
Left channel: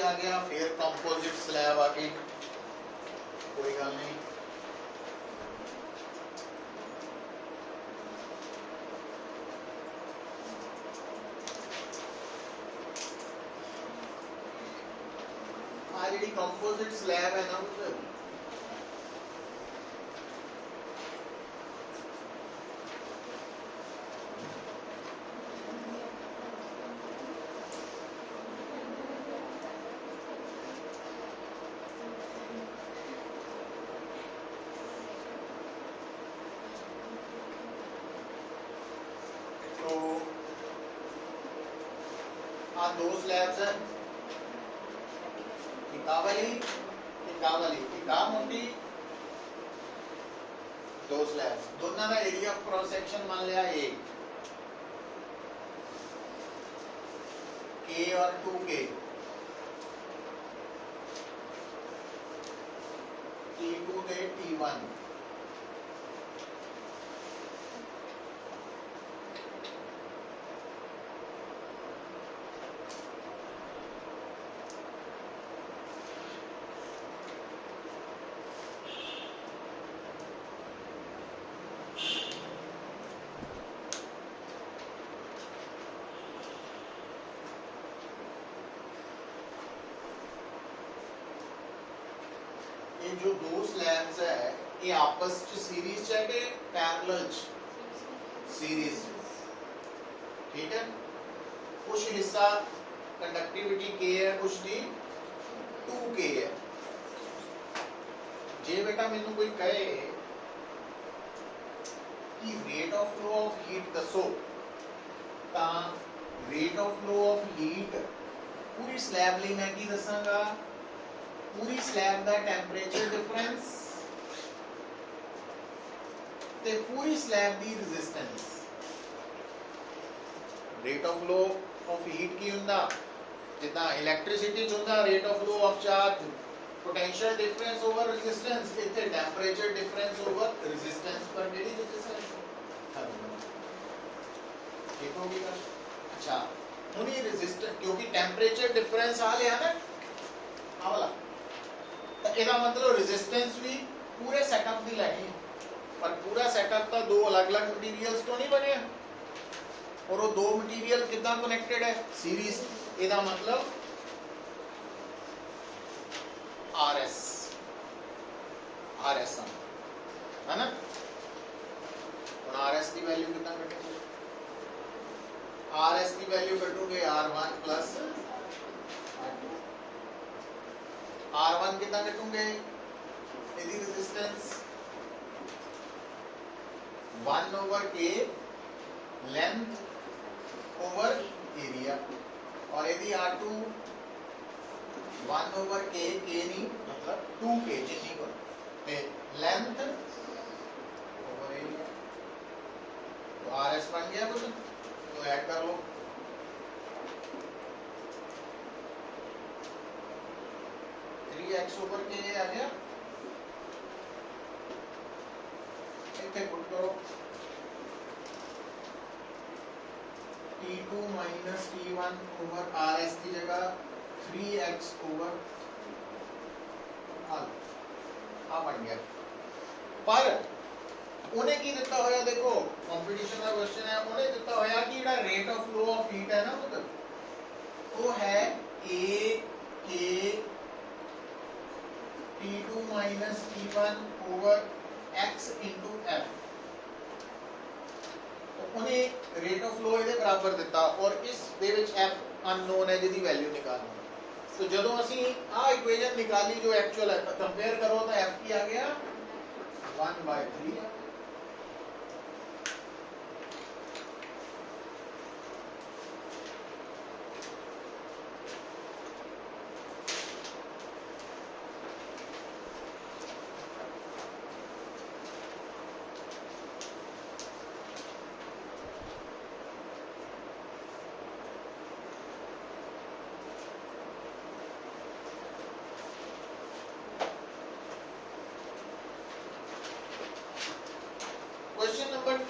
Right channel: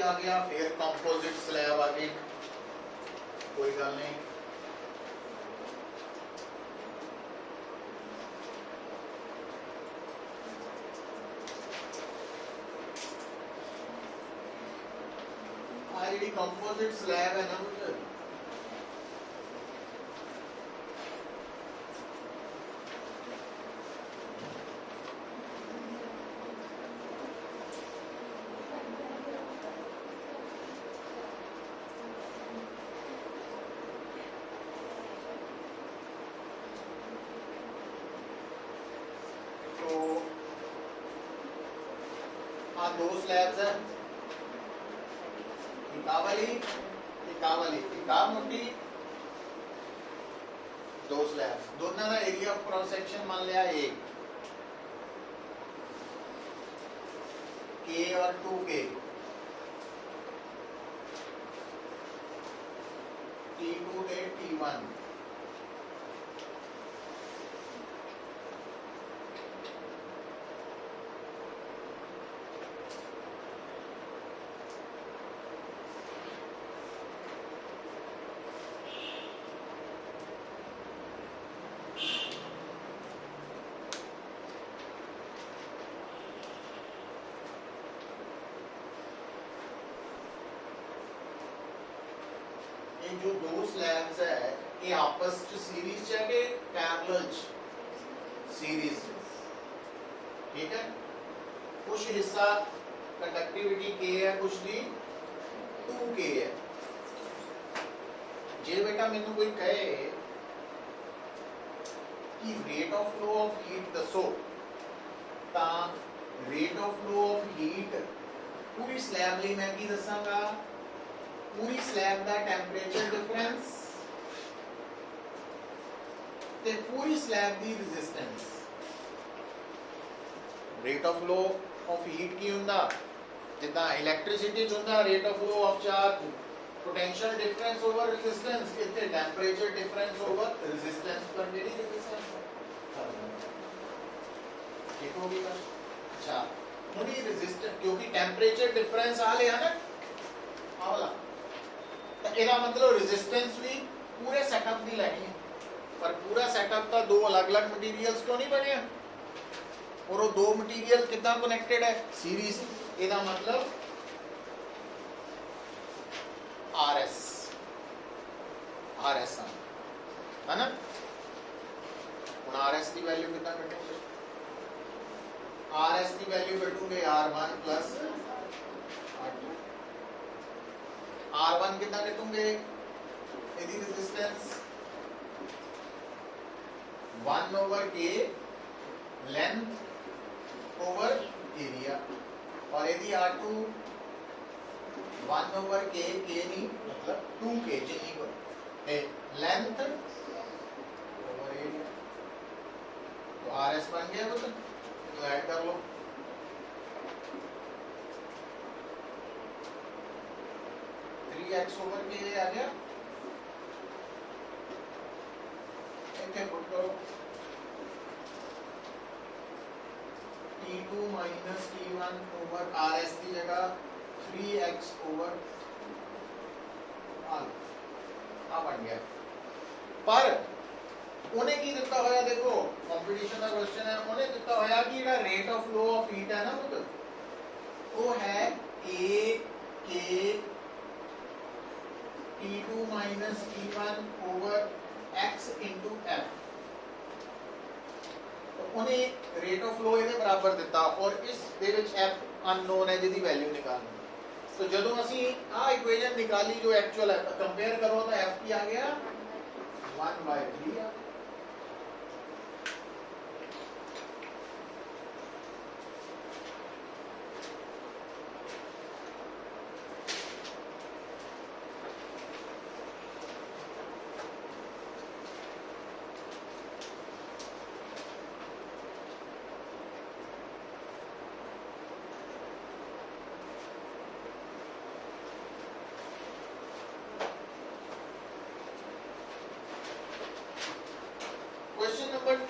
के आ गया, फिर कंपोजिट स्लैब आ गई, कोई गल नहीं। जी कंपोजिट स्लैब है ना मतलब तो हाँ दो स्लैब्स है, मोटी दो स्लैब्स, दोनों का एरिया ऑफ क्रॉस सेक्शन मान लिया ए के और 2K, T2 दे T1, जो दो स्लैब्स है ये आपस च सीरीज है कि पैरेलल सीरीज, ठीक है। कुछ हिस्सा कंडक्टिविटी के है, कुछ दी 2K है। जे बेटा मैनू कोई कहे कि rate of flow of heat दसो, ता rate of flow of heat पूरी स्लैब ਲਈ मैं की दसांगा, पूरी स्लैब का टेंपरेचर डिफरेंस ते पूरी स्लैब की resistance. Rate of flow of heat की हुंदा जिदा इलैक्ट्रिसिटी हुंदा rate of flow of charge, potential difference over resistance, इथे टेंपरेचर डिफरेंस ओवर रेजिस्टेंस पर जेडी रेजिस्टेंस ठीक होगी ना। अच्छा हुन ये रेजिस्टेंस क्योंकि टेंपरेचर डिफरेंस आ लिया ना आ वाला, ਇਹਦਾ मतलब रेजिस्टेंस भी पूरे सेटअप ਦੀ ਲੈਣੀ है, पर पूरा सेटअप तो दो अलग-अलग मटेरियल्स तो नहीं बने और वो दो मटेरियल कितना कनेक्टेड है सीरीज, ਇਹਦਾ मतलब RS है ना। ਹੁਣ RS की वैल्यू कितना कटोगे, RS की वैल्यू कटोगे R1 प्लस R2, R1 कितना कटूंगे, यदि resistance 1/K length over area, और यदि R2 1/K, K नहीं मतलब 2K जितनी को लेंथ ओवर एरिया, तो RS बन गया कुछ, तो ऐड कर लो। 3x ओवर के आ गया, इतने पुट करो T2 minus T1 over RS की जगह 3x ओवर आ बन गया। पर उन्हें की दिता होया, देखो कंपटीशन का क्वेश्चन है, उन्हें दिता होया कि जेड़ा rate of flow of heat है ना वो है A K T2 minus T1 over x into F, तो उन्हें रेट ऑफ फ्लो ਇਹਦੇ बराबर दिता और इस ਦੇ ਵਿੱਚ F अननोन है जिसकी वैल्यू निकालनी। तो ਜਦੋਂ ਅਸੀਂ ਆ ਇਕੁਏਸ਼ਨ ਨਿਕਾਲੀ जो एक्चुअल है, कंपेयर करो तो F की आ गया 1/3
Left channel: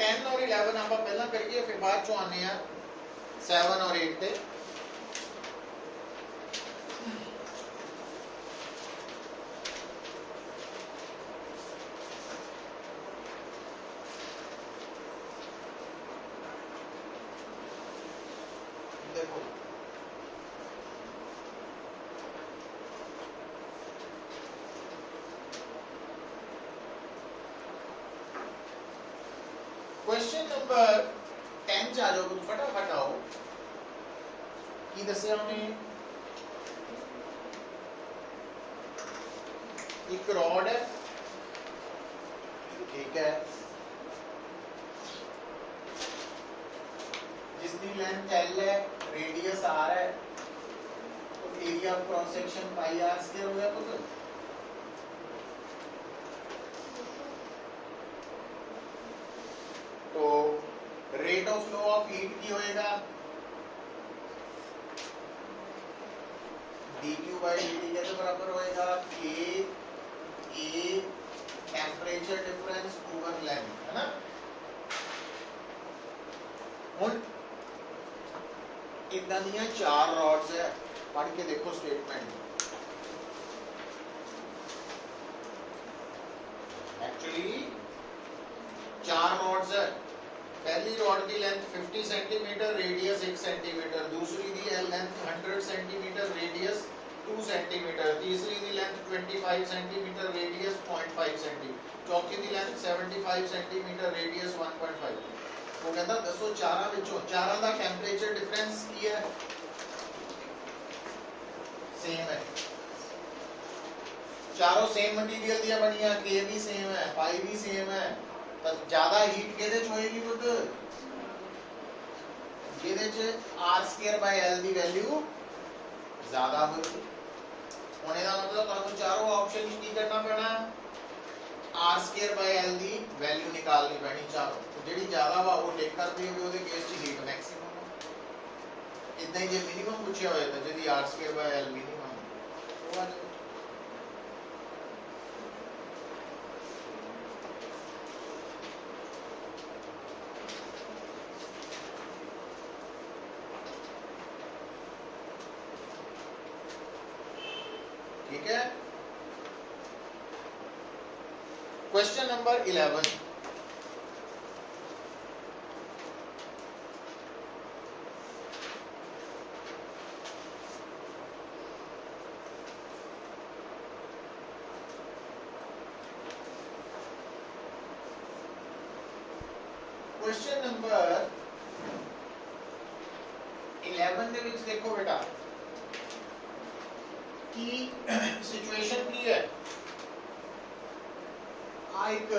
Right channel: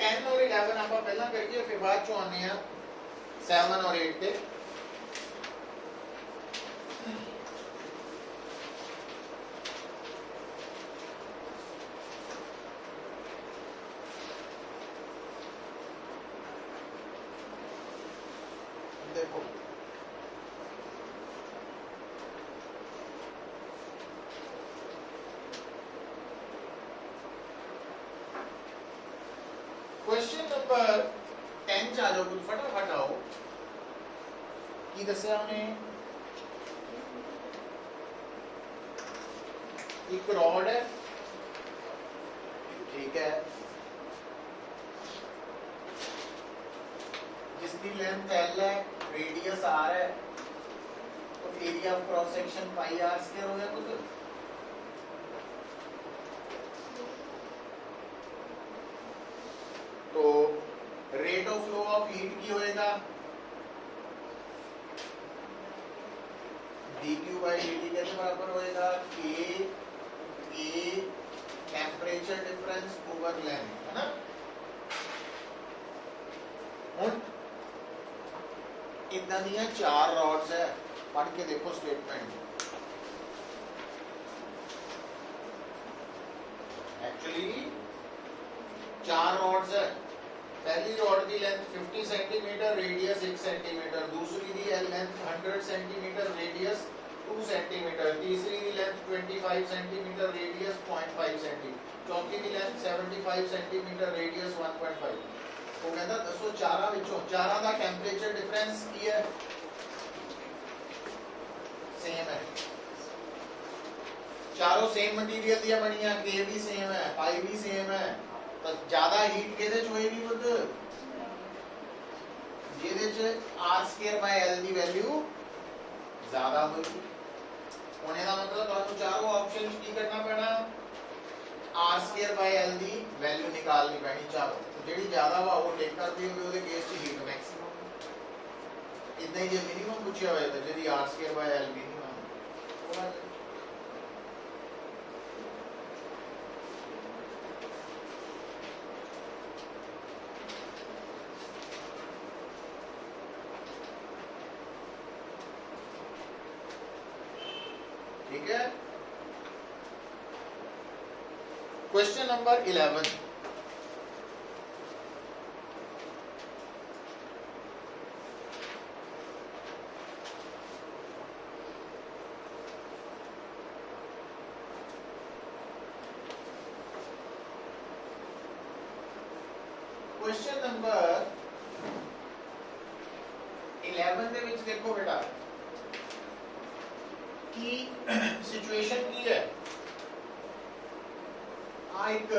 10 और 11 आप पहला करिए, फिर बाद चो आने 7 और 8 पे। क्वेश्चन नंबर 10 च आ जाओ, कुछ फटाफट आओ। की दस्या उन्हें एक रॉड है, ठीक है, जिसकी लेंथ L है, रेडियस R है, तो area of cross section pi R square हो गया पुत्र। तो rate of flow of heat की होएगा dq by dt के बराबर होएगा k a temperature difference over length, है ना। ਹੁਣ इतना दिया 4 रॉड्स है, पढ़ के देखो स्टेटमेंट। एक्चुअली 4 रॉड्स है, पहली रॉड की लेंथ 50 सेंटीमीटर, रेडियस 1 सेंटीमीटर, दूसरी की लेंथ 100 सेंटीमीटर, रेडियस 2 सेंटीमीटर, तीसरी की लेंथ 25 सेंटीमीटर, रेडियस 0.5 सेंटीमीटर, चौथी की लेंथ 75 सेंटीमीटर, रेडियस 1.5। वो कहता दसो चारा विचों चारा दा टेंपरेचर डिफरेंस की है, सेम है, चारों सेम मटेरियल दिया बनिया, के भी सेम है, पाई भी सेम है, तो ज्यादा हीट केदे च होएगी पुੱਤ, ਜਿਹਦੇ ਚ r² ਦੀ ਵੈਲਿਊ ਜ਼ਿਆਦਾ ਹੋਏਗੀ। ਹੁਣ ਇਹਦਾ ਮਤਲਬ ਤੁਹਾਨੂੰ ਚਾਰੋਂ ਆਪਸ਼ਨ ਵਿੱਚ ਕੀ ਕਰਨਾ ਪੈਣਾ ਹੈ, r² ਦੀ ਵੈਲਿਊ ਨਿਕਾਲਣੀ ਪੈਣੀ, ਚਾਹੋ ਜਿਹੜੀ ਜ਼ਿਆਦਾ ਵਾ ਉਹ ਟੇਕ ਕਰ ਦਿਓਗੇ, ਉਹਦੇ ਕੇਸ ਚ ਹੀਟ ਮੈਕਸਿਮਮ। ਇਦਾਂ ਹੀ ਜੇ ਮਿਨੀਮਮ ਪੁੱਛਿਆ ਹੋਇਆ ਤਾਂ ਜਿਹਦੀ r² ਮਿਨੀਮਮ ਹੈ ਉਹ ठीक है। क्वेश्चन नंबर 11, क्वेश्चन नंबर 11 ਦੇ ਵਿੱਚ ਦੇਖੋ बेटा की सिचुएशन की है, एक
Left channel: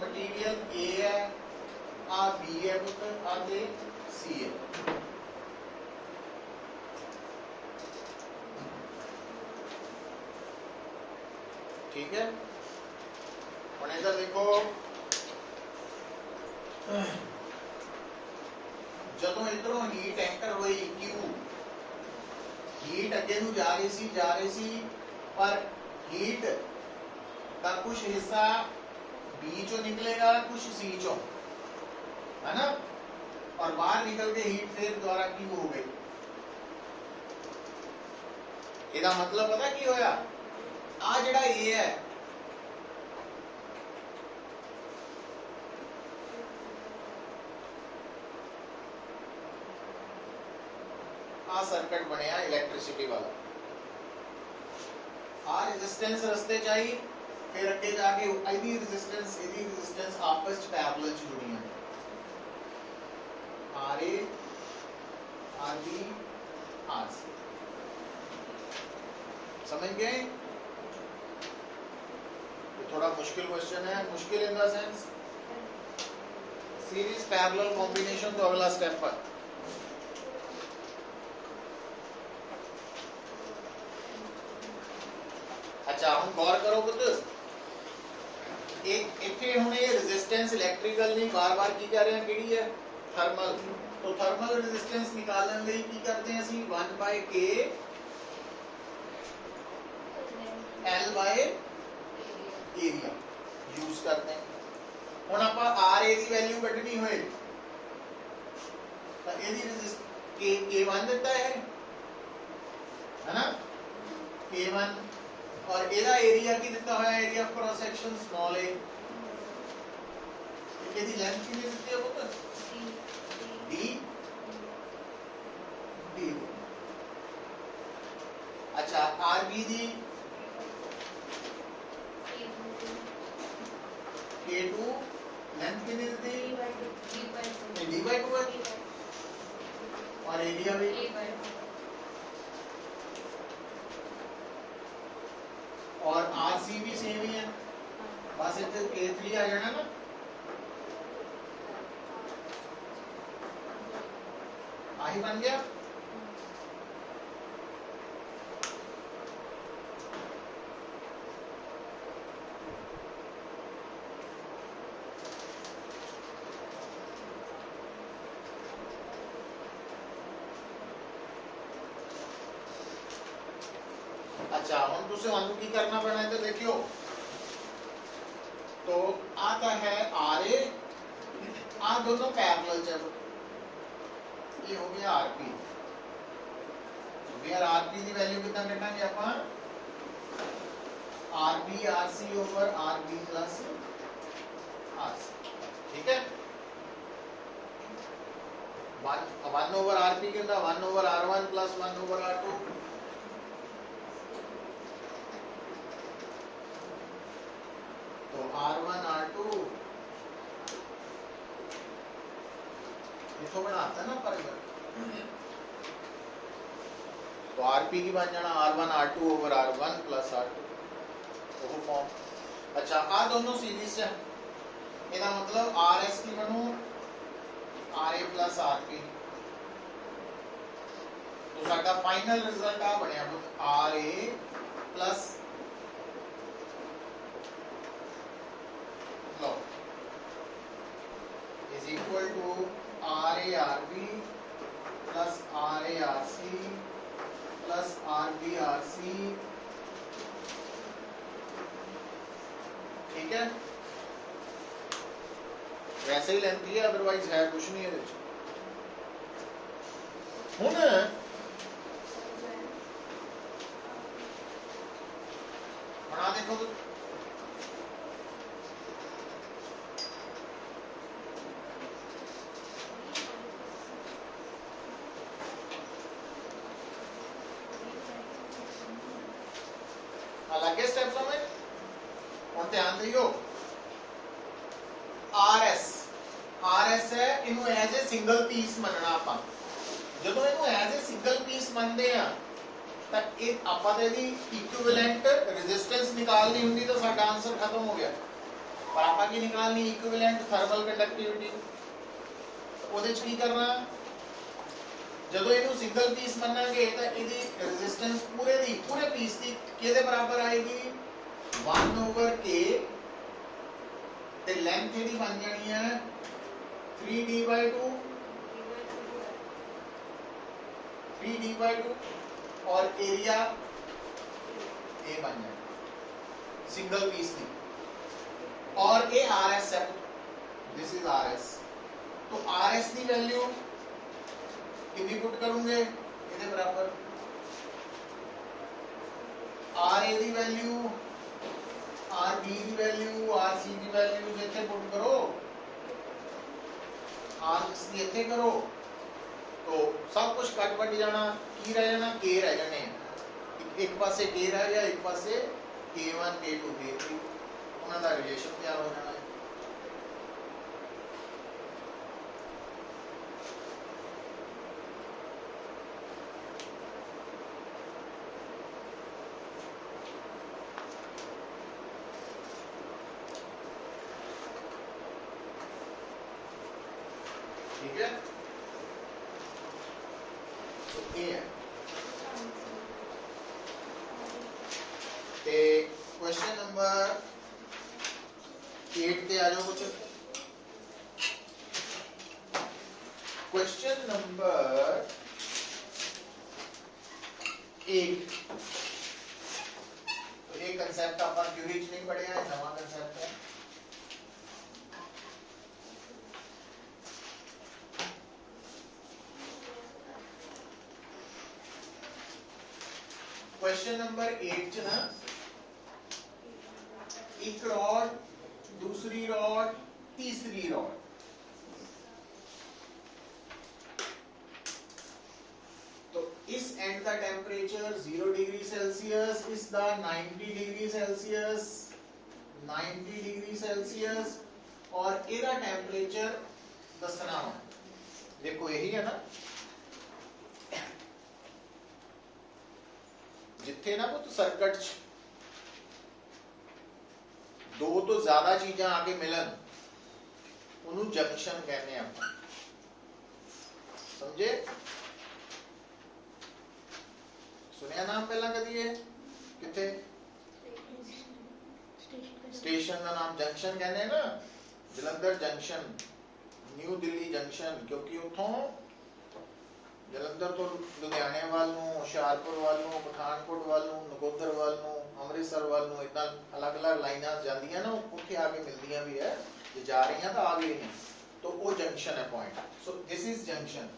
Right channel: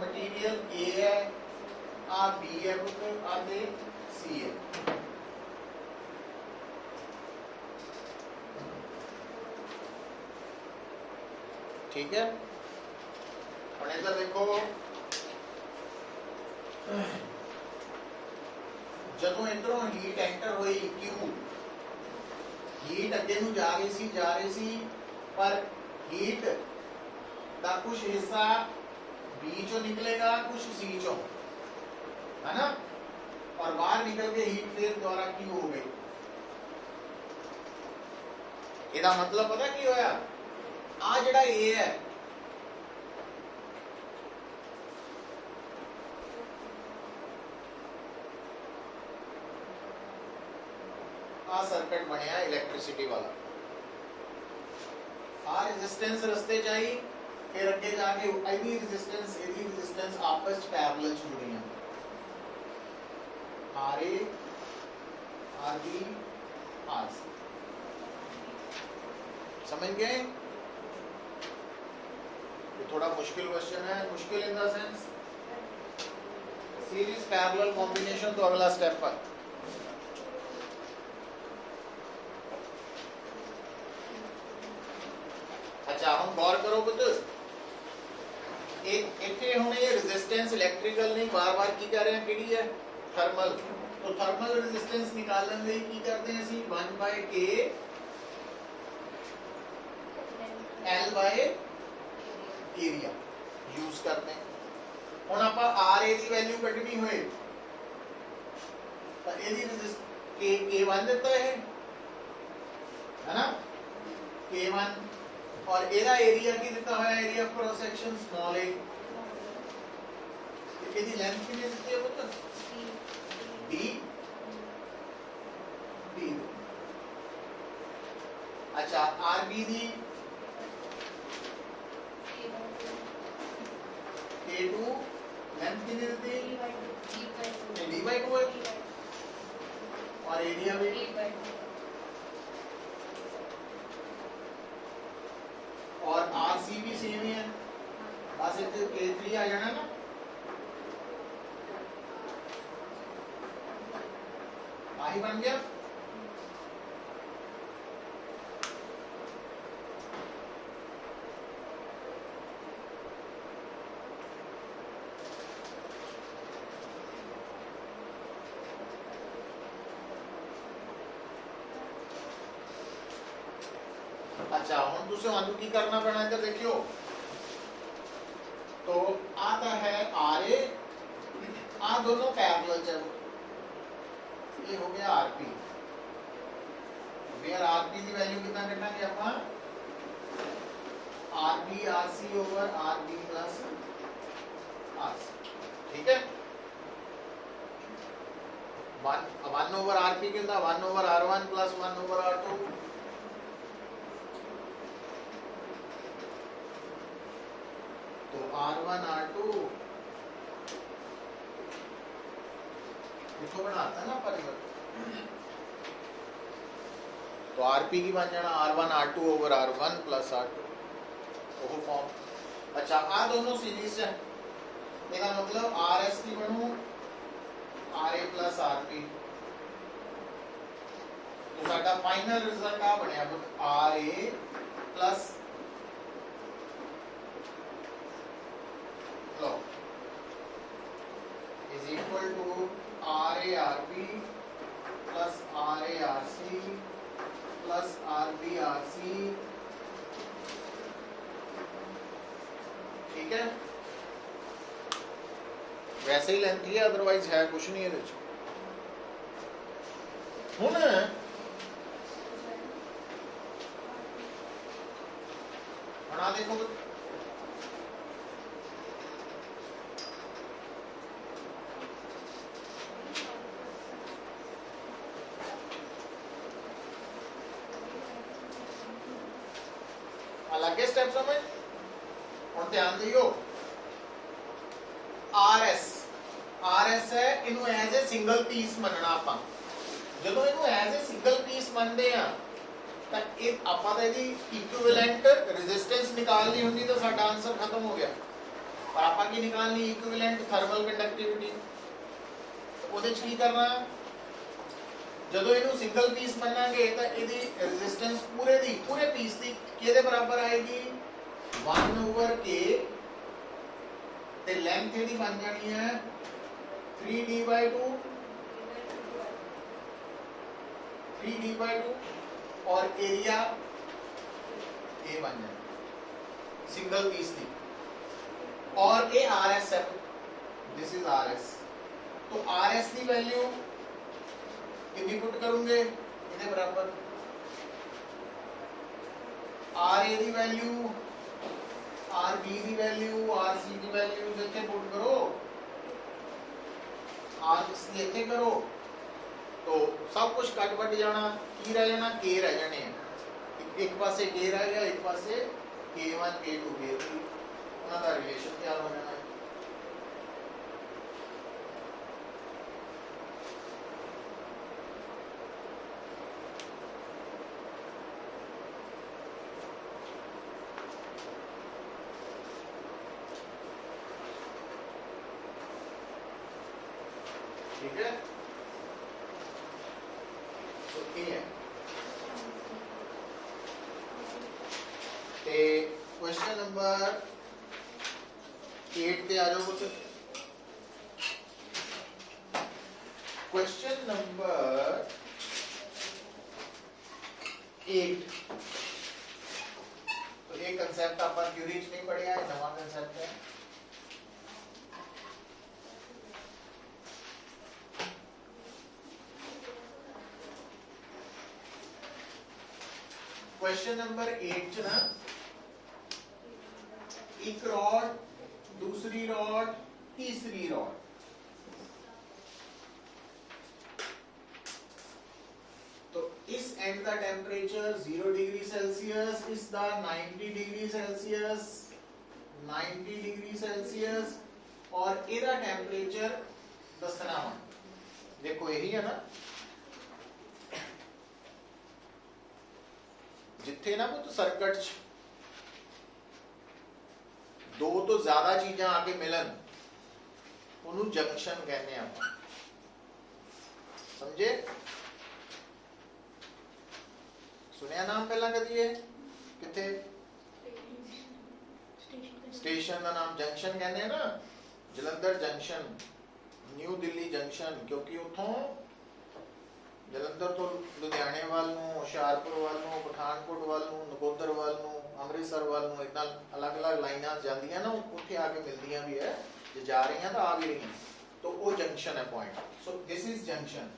मटीरियल ए है, आ बी है पुत्र, आगे सी है। ठीक है, और इधर देखो जदों इधरों हीट एंटर हुई क्यू, हीट अगे नूं जा रही सी, पर हीट का कुछ हिस्सा बी चो निकलेगा, कुछ सी चो, है ना, और बाहर निकल के हीट फिर द्वारा क्यू हो गई। ਇਹਦਾ मतलब पता की होया, आ जिहड़ा ए है आ सर्किट बनया इलेक्ट्रिसिटी वाला, आ रेजिस्टेंस रस्ते चाहिए, फिर अगे जाके एदी रेजिस्टेंस आपस च पैरेलल च जुड़ियां, R A R B R C. समझ गए? ये थोड़ा मुश्किल क्वेश्चन है, मुश्किल in the sense series parallel combination, तो अगला स्टेप पर अच्छा हम गौर करो पुत्र, एक इथे हुणे रेजिस्टेंस इलेक्ट्रिकल नहीं, बार-बार की कर रहे हैं, किहड़ी है थर्मल। तो थर्मल रेजिस्टेंस निकालने लई की करते हैं ਅਸੀਂ 1/k L by area use करते हैं। ਹੁਣ ਆਪਾਂ RA ਦੀ ਵੈਲਿਊ ਕੱਢਣੀ ਹੋਏ ਤਾਂ ਇਹਦੀ K1 ਦਿੱਤਾ ਹੈ ना, K1 और एदा एरिया की दिता हुआ area of cross section small a ਇਹਦੀ ਲੈਂਥ ਕਿੰਨੀ ਦਿੱਤੀ ਹੈ ਪੁੱਤ डी डी अच्छा आरबी दी K2 लेंथ कितनी दी डी बाई 2 है और एरिया भी और आरसी भी सेम ही है बस इतने K3 आ जाना ना आही बन गया अच्छा हम दूसरे वाले की करना पड़ा है तो देखियो तो आता है आर ए आ दोनों पैरेलल चलो ये हो गया आरपी वेयर आरपी की वैल्यू कितना कटांगे अपन RB RC over RB plus RC ठीक है 1 ओवर आरपी कितना 1 over R one plus 1 over R two तो आर1 आर2 इसको बनाता है ना परिवर्तन तो आरपी की बन जाना R1 R2 over R1 plus R2 वो फॉर्म अच्छा आ दोनों सीरीज है ਇਹਦਾ मतलब RS की बनू RA प्लस RP तो साडा फाइनल रिजल्ट आ बनया RA प्लस लो is equal to RA RB plus RA RC plus RB RC ठीक है वैसे ही लेंथ है अदरवाइज है कुछ नहीं है हुन बना देखो तो अलग स्टेप समझ और ध्यान दियो आरएस है इनु एज ए सिंगल पीस मनना ਆਪਾਂ ਜਦੋਂ ਇਹਨੂੰ ਐਜ਼ ਅ ਸਿੰਗਲ ਪੀਸ ਮੰਨਦੇ ਆ ਤਾਂ ਇਹ ਆਪਾਂ ਦਾ ਇਹਦੀ ਇਕੁਇਵਲੈਂਟ ਰੈਜ਼ਿਸਟੈਂਸ ਨਿਕਾਲਣੀ ਹੁੰਦੀ ਤਾਂ ਸਾਡਾ ਆਨਸਰ ਖਤਮ ਹੋ ਗਿਆ ਪਰ ਆਪਾਂ ਕੀ ਨਿਕਾਲਣੀ ਇਕੁਇਵਲੈਂਟ ਥਰਮਲ ਕੰਡਕਟਿਵਿਟੀ ਉਹਦੇ ਚ ਕੀ ਕਰਨਾ ਜਦੋਂ ਇਹਨੂੰ ਸਿੰਗਲ ਪੀਸ ਮੰਨਾਂਗੇ ਤਾਂ ਇਹਦੀ ਰੈਜ਼ਿਸਟੈਂਸ ਪੂਰੇ ਪੀਸ ਦੀ ਕਿਹਦੇ ਬਰਾਬਰ ਆਏਗੀ 1 ਓਵਰ k ਤੇ ਲੈਂਥ ਇਹਦੀ ਬਣ ਜਾਣੀ ਹੈ 3d/2 और एरिया ए बन जाए सिंगल पीस की और ए RS है दिस इज RS तो RS की वैल्यू कितनी पुट करूंगे इधर बराबर RA की वैल्यू RB की वैल्यू RC की वैल्यू इतने पुट करो RC इतने करो तो सब कुछ कट बट जाना की रह जाना के रह जाने एक पासे के रह गया एक पासे K1 K2 K3 उन्हां दा रिलेशन तैयार हो जाना है ठीक है क्वेश्चन नंबर 8 पे आ जाओ बच्चों क्वेश्चन नंबर 8 तो ये कंसेप्ट अपन क्यूरीज नहीं पढ़े है नवा कंसेप्ट है क्वेश्चन नंबर 8 च ना एक रॉड, दूसरी रॉड, तीसरी रॉड। तो इस एंड का टेम्परेचर 0 डिग्री सेल्सियस, इस दा 90 डिग्री सेल्सियस, 90 डिग्री सेल्सियस, और इहदा टेम्परेचर दसना वा। देखो यही है ना, जिथे ना तो सर्किट दो तो ज्यादा चीजां आके मिलन, उन्होंने जंक्शन कहते हैं आप, समझे? सुनिया नाम पहला कदी है किथे? स्टेशन का नाम जंक्शन कहते हैं ना, Jalandhar junction, new Delhi junction, क्योंकि उतों जलंधर तो लुधियाने वाल नूं, हुशियारपुर वाल नूं, पठानकोट वाल नूं, नकोदर वाल नूं, अमृतसर वाल नूं इदां अलग अलग लाइनां जांदियां ना, उत्थे आके मिलदियां भी है, जे जा रही हैं तो आ भी रही हैं, तो वो जंक्शन है point. So this is junction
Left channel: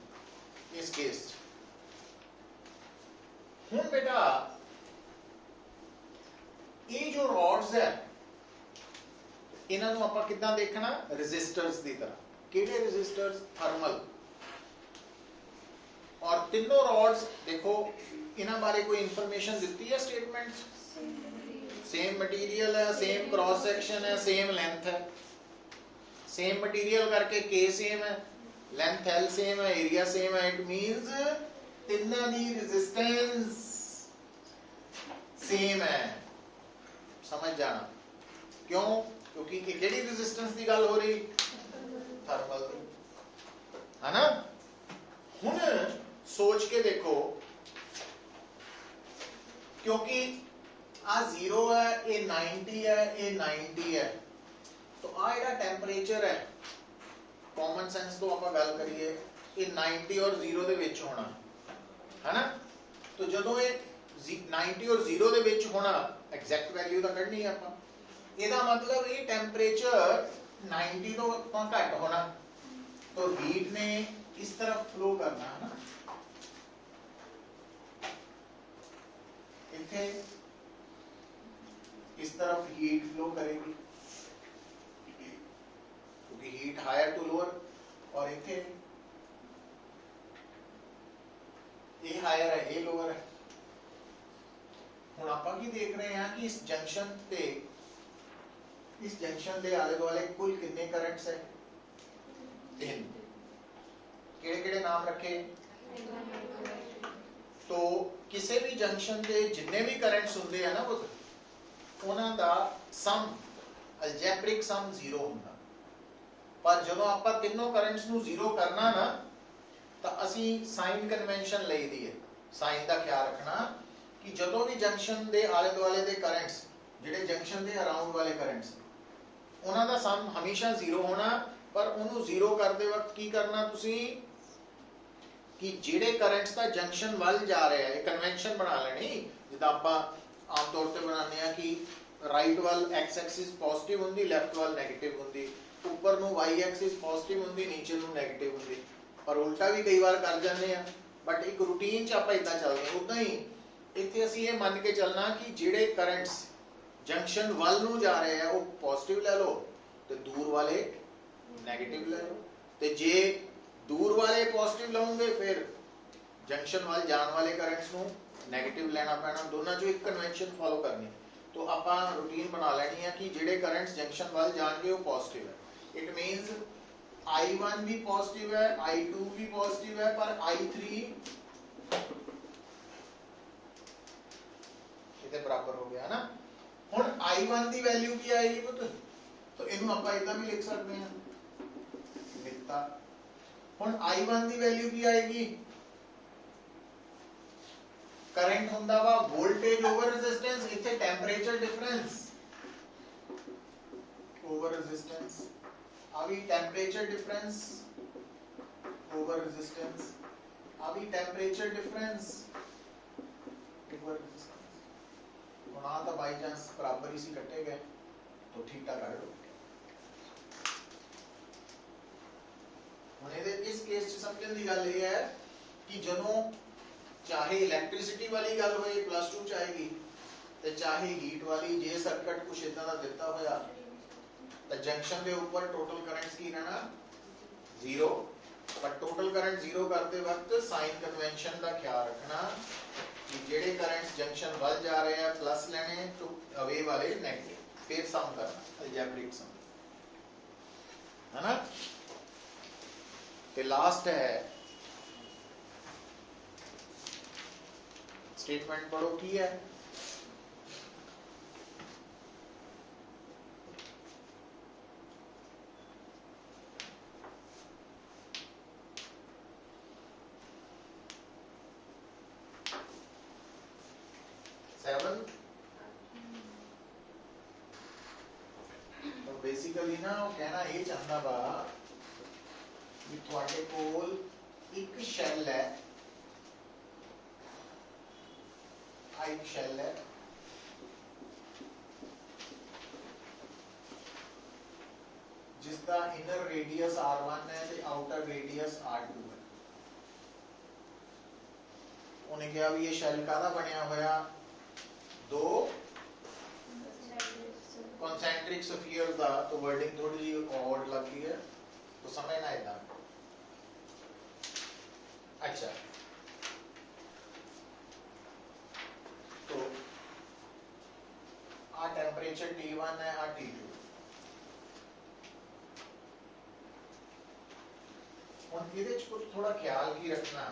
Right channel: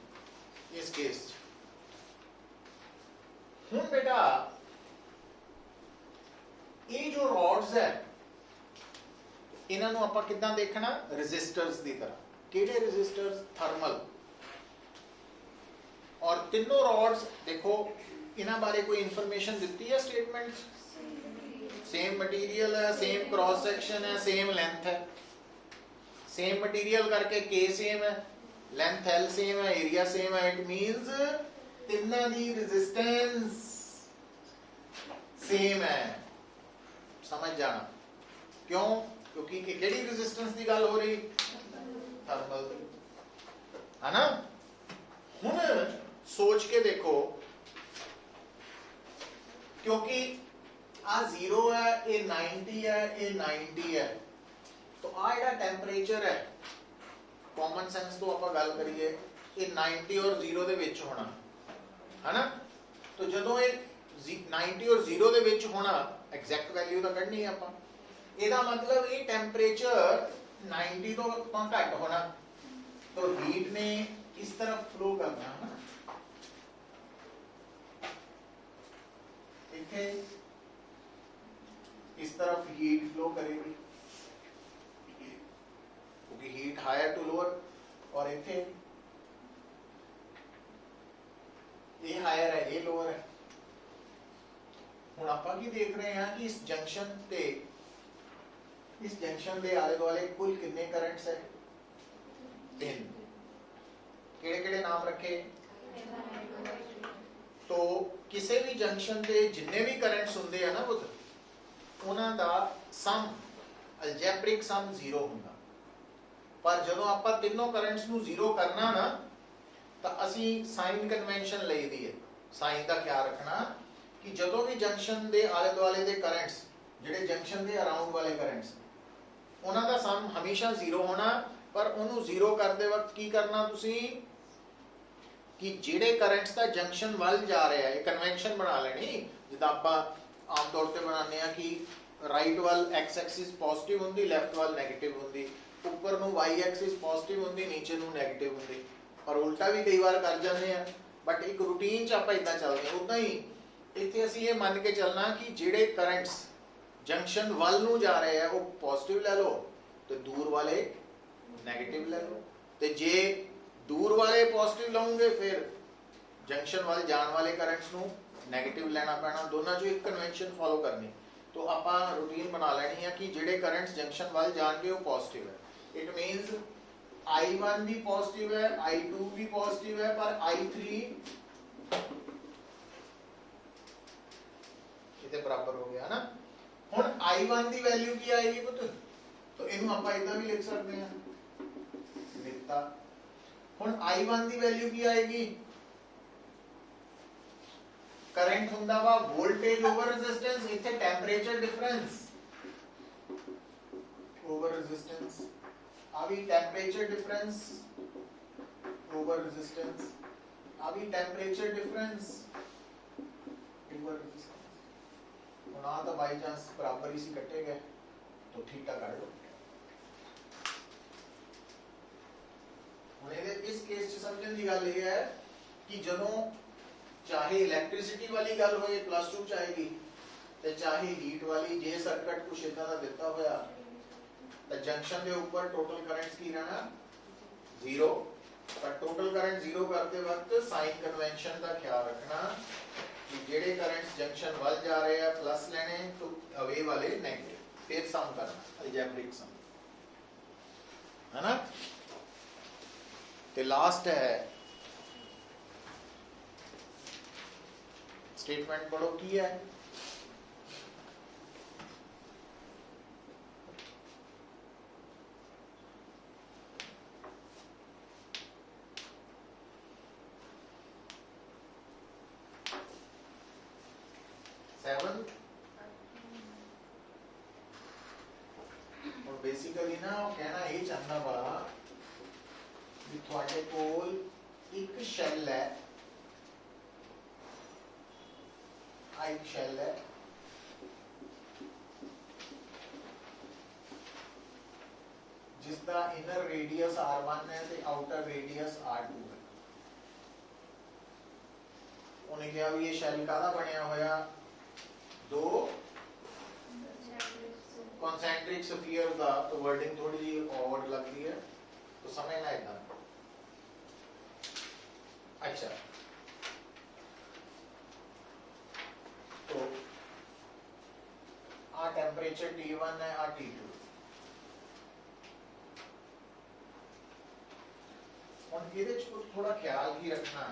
इस केस। हुण बेटा ये जो रॉड्स है इन्हां नूं आपां किदां देखना? रेजिस्टर्स दी तरह। किहड़े रेजिस्टर्स? थर्मल। और तीनों रॉड्स देखो, इन्हां बारे कोई इंफॉर्मेशन दी है? स्टेटमेंट सेम मटेरियल है, सेम क्रॉस सेक्शन है, सेम लेंथ है। सेम मटेरियल करके के सेम है, लेंथ एल सेम है, एरिया सेम है, इट मींस तिन्ना दी रेजिस्टेंस सेम है। समझ जाना क्यों? क्योंकि किहड़ी रेजिस्टेंस की गल हो रही? थर्मल की, है ना? हुण सोच के देखो, क्योंकि आ 0 है, ये 90 है, ये 90 है, तो आ जेड़ा टेम्परेचर है, कॉमन सेंस तो आपां गल करिए, ये 90 और 0 दे विच होना, है ना? तो जदों ये 90 और 0 दे विच होना, एग्जैक्ट वैल्यू तो कढनी है आपां, ਇਹਦਾ मतलब ये टेम्परेचर 90 तो घट होना, तो हीट ने इस तरफ फ्लो करना है ना, इथे इस तरफ हीट फ्लो करेगी, क्योंकि हीट हायर टू लोअर, और इथे ये हायर है, ये लोअर है। हुण आपां की देख रहे हैं कि इस जंक्शन दे आले दुआले कुल कितने करंट्स है? 3। किहड़े-किहड़े नाम रखे? तो किसी भी जंक्शन के जिन्ने भी करंट्स हुंदे हैं ना पुत, उन्हां दा सम अलजेब्रिक सम 0 हुंदा, पर जदों आपां तीनों करंट्स नूं 0 करना ना, तो असीं साइन कन्वेंशन लई दी है। साइन दा क्या रखना कि जदों भी जंक्शन दे आले दुआले दे करंट्स, जिहड़े जंक्शन दे अराउंड वाले करंट्स, उन्हां दा सम हमेशा 0 होना, पर उन्होंने 0 करते वक्त की करना तुसीं कि जिहड़े करंट्स दा जंक्शन वाल जा रहे हैं, कन्वेंशन बना लेनी, जिद्दां आपां आम तौर ते बनाने आ कि राइट वाल एक्स एक्सिस पॉजिटिव हुंदी, लेफ्ट वाल नेगेटिव हुंदी, ऊपर नूं वाई एक्सिस पॉजिटिव हुंदी, नीचे नूं नेगेटिव हुंदी, पर उल्टा भी कई बार कर जाते हैं, बट एक रूटीन च आपां इदां चलदे। उदां ही इत्थे असीं ये मान के चलना कि जिहड़े करंट्स जंक्शन वाल नूं जा रहे हैं वो पॉजिटिव ले लो, तो दूर वाले नेगेटिव ले लो, तो जे दूर वाले पॉजिटिव लाओगे फिर जंक्शन वाल जाने वाले करंट्स नूं नेगेटिव लेना पैना, दोनों जो एक कन्वेंशन फॉलो करनी। तो आपां रूटीन बना लेनी है कि जिहड़े करंट्स जंक्शन वाल जाणगे वो पॉजिटिव है। इट मींस I1 भी पॉजिटिव है, I2 भी पॉजिटिव है, पर I3 इतने बराबर हो गया ना। हुण I1 की वैल्यू की आएगी पुत, तो इनू आपां इदां भी लिख सकते हैं, लिखता। हुण I1 की वैल्यू की आएगी? करंट हुंदा वा वोल्टेज ओवर रेजिस्टेंस, इथे टेंपरेचर डिफरेंस ओवर रेजिस्टेंस, अभी टेंपरेचर डिफरेंस ओवर रेजिस्टेंस, अभी टेंपरेचर डिफरेंस ओवर रेजिस्टेंस। हुण तो बाई चांस बराबर ही सी कटे गए, तो ठीका कर लो। इस केस च समझने की गल यह है कि जदों चाहे इलैक्ट्रिसिटी वाली गल होए, +2 च आएगी, ਤੇ ਚਾਹੇ ਹੀਟ ਵਾਲੀ ਜੇ ਸਰਕਟ ਕੁਛ ਇਦਾਂ ਦਾ ਦਿੱਤਾ ਹੋਇਆ ਤਾਂ ਜੰਕਸ਼ਨ ਦੇ ਉੱਪਰ ਟੋਟਲ ਕਰੰਟ ਕੀ ਰਹਿਣਾ 0 ਪਰ ਟੋਟਲ ਕਰੰਟ 0 ਕਰਦੇ ਵਕਤ ਸਾਈਨ ਕਨਵੈਨਸ਼ਨ ਦਾ ਖਿਆਲ ਰੱਖਣਾ ਕਿ ਜਿਹੜੇ ਕਰੰਟਸ ਜੰਕਸ਼ਨ ਵੱਲ ਜਾ ਰਹੇ ਆ ਪਲੱਸ ਲੈਣੇ ਤੋਂ ਅਵੇ ਵਾਲੇ ਨੈਗੇਟਿਵ ਫਿਰ ਸਮ ਕਰਨਾ ਅਲਜੈਬਰਿਕ ਸਮ है ना। तो लास्ट है स्टेटमेंट पढ़ो की है बेसिकली ना वो कहना ये चाहता बा भी ਤੁਹਾਡੇ ਕੋਲ ਇੱਕ ਸ਼ੈਲ ਹੈ ਇੱਕ ਸ਼ੈਲ ਹੈ ਜਿਸ ਦਾ ਇਨਰ ਰੇਡੀਅਸ r1 ਹੈ ਤੇ ਆਊਟਰ ਰੇਡੀਅਸ r2 ਹੈ। ਉਹਨੇ ਕਿਹਾ ਵੀ ਇਹ ਸ਼ੈਲ ਕਾਹਦਾ ਬਣਿਆ ਹੋਇਆ ਦੋ concentric sphere का तो वर्डिंग थोड़ी सी और लग रही है तो समझना इतना। अच्छा तो आ टेम्परेचर T1 है आ T2 और ਇਹਦੇ ਚ ਕੁਝ ਥੋੜਾ ਖਿਆਲ ਕੀ ਰੱਖਣਾ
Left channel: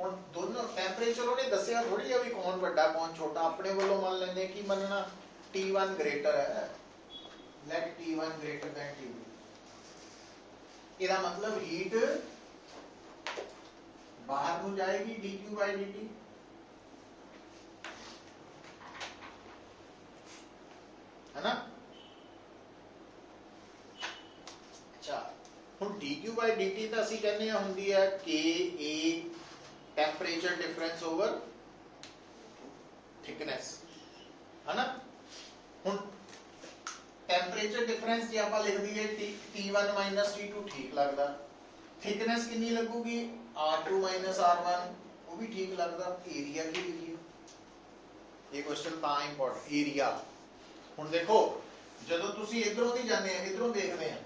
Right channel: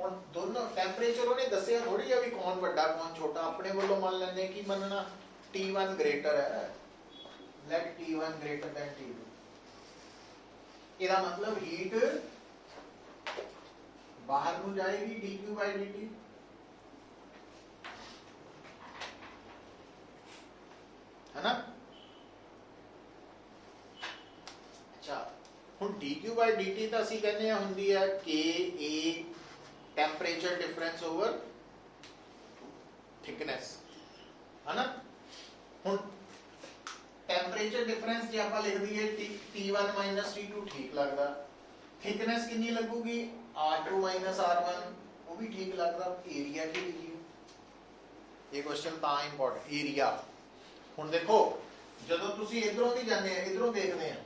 ਹੁਣ ਦੋਨੋਂ ਟੈਂਪਰੇਚਰ ਉਹਨੇ ਦੱਸਿਆ ਥੋੜੀ ਆ ਵੀ ਕੌਣ ਵੱਡਾ ਕੌਣ ਛੋਟਾ ਆਪਣੇ ਵੱਲੋਂ ਮੰਨ ਲੈਂਦੇ ਕੀ ਮੰਨਣਾ T1 greater है let T1 greater than T2 ਇਹਦਾ ਮਤਲਬ ਹੀਟ ਬਾਹਰ ਨੂੰ ਜਾਏਗੀ dq by dt है ना। अच्छा ਹੁਣ dq by dt ਤਾਂ ਅਸੀਂ ਕਹਿੰਦੇ ਆ ਹੁੰਦੀ ਹੈ Ka temperature difference over thickness है ना। ਹੁਣ ਟੈਂਪਰੇਚਰ ਡਿਫਰੈਂਸ ਜੇ ਆਪਾਂ ਲਿਖ ਦਈਏ T1 T2 ਠੀਕ ਲੱਗਦਾ ਥਿਕਨੈਸ ਕਿੰਨੀ ਲੱਗੂਗੀ R2 R1 ਉਹ ਵੀ ਠੀਕ ਲੱਗਦਾ ਏਰੀਆ ਕੀ ਲਿਖੀਏ ਇਹ ਕੁਐਸਚਨ ਤਾਂ ਇੰਪੋਰਟੈਂਟ ਏਰੀਆ। ਹੁਣ ਦੇਖੋ ਜਦੋਂ ਤੁਸੀਂ ਇਧਰੋਂ ਦੀ ਜਾਂਦੇ ਆ ਇਧਰੋਂ ਦੇਖਦੇ ਆ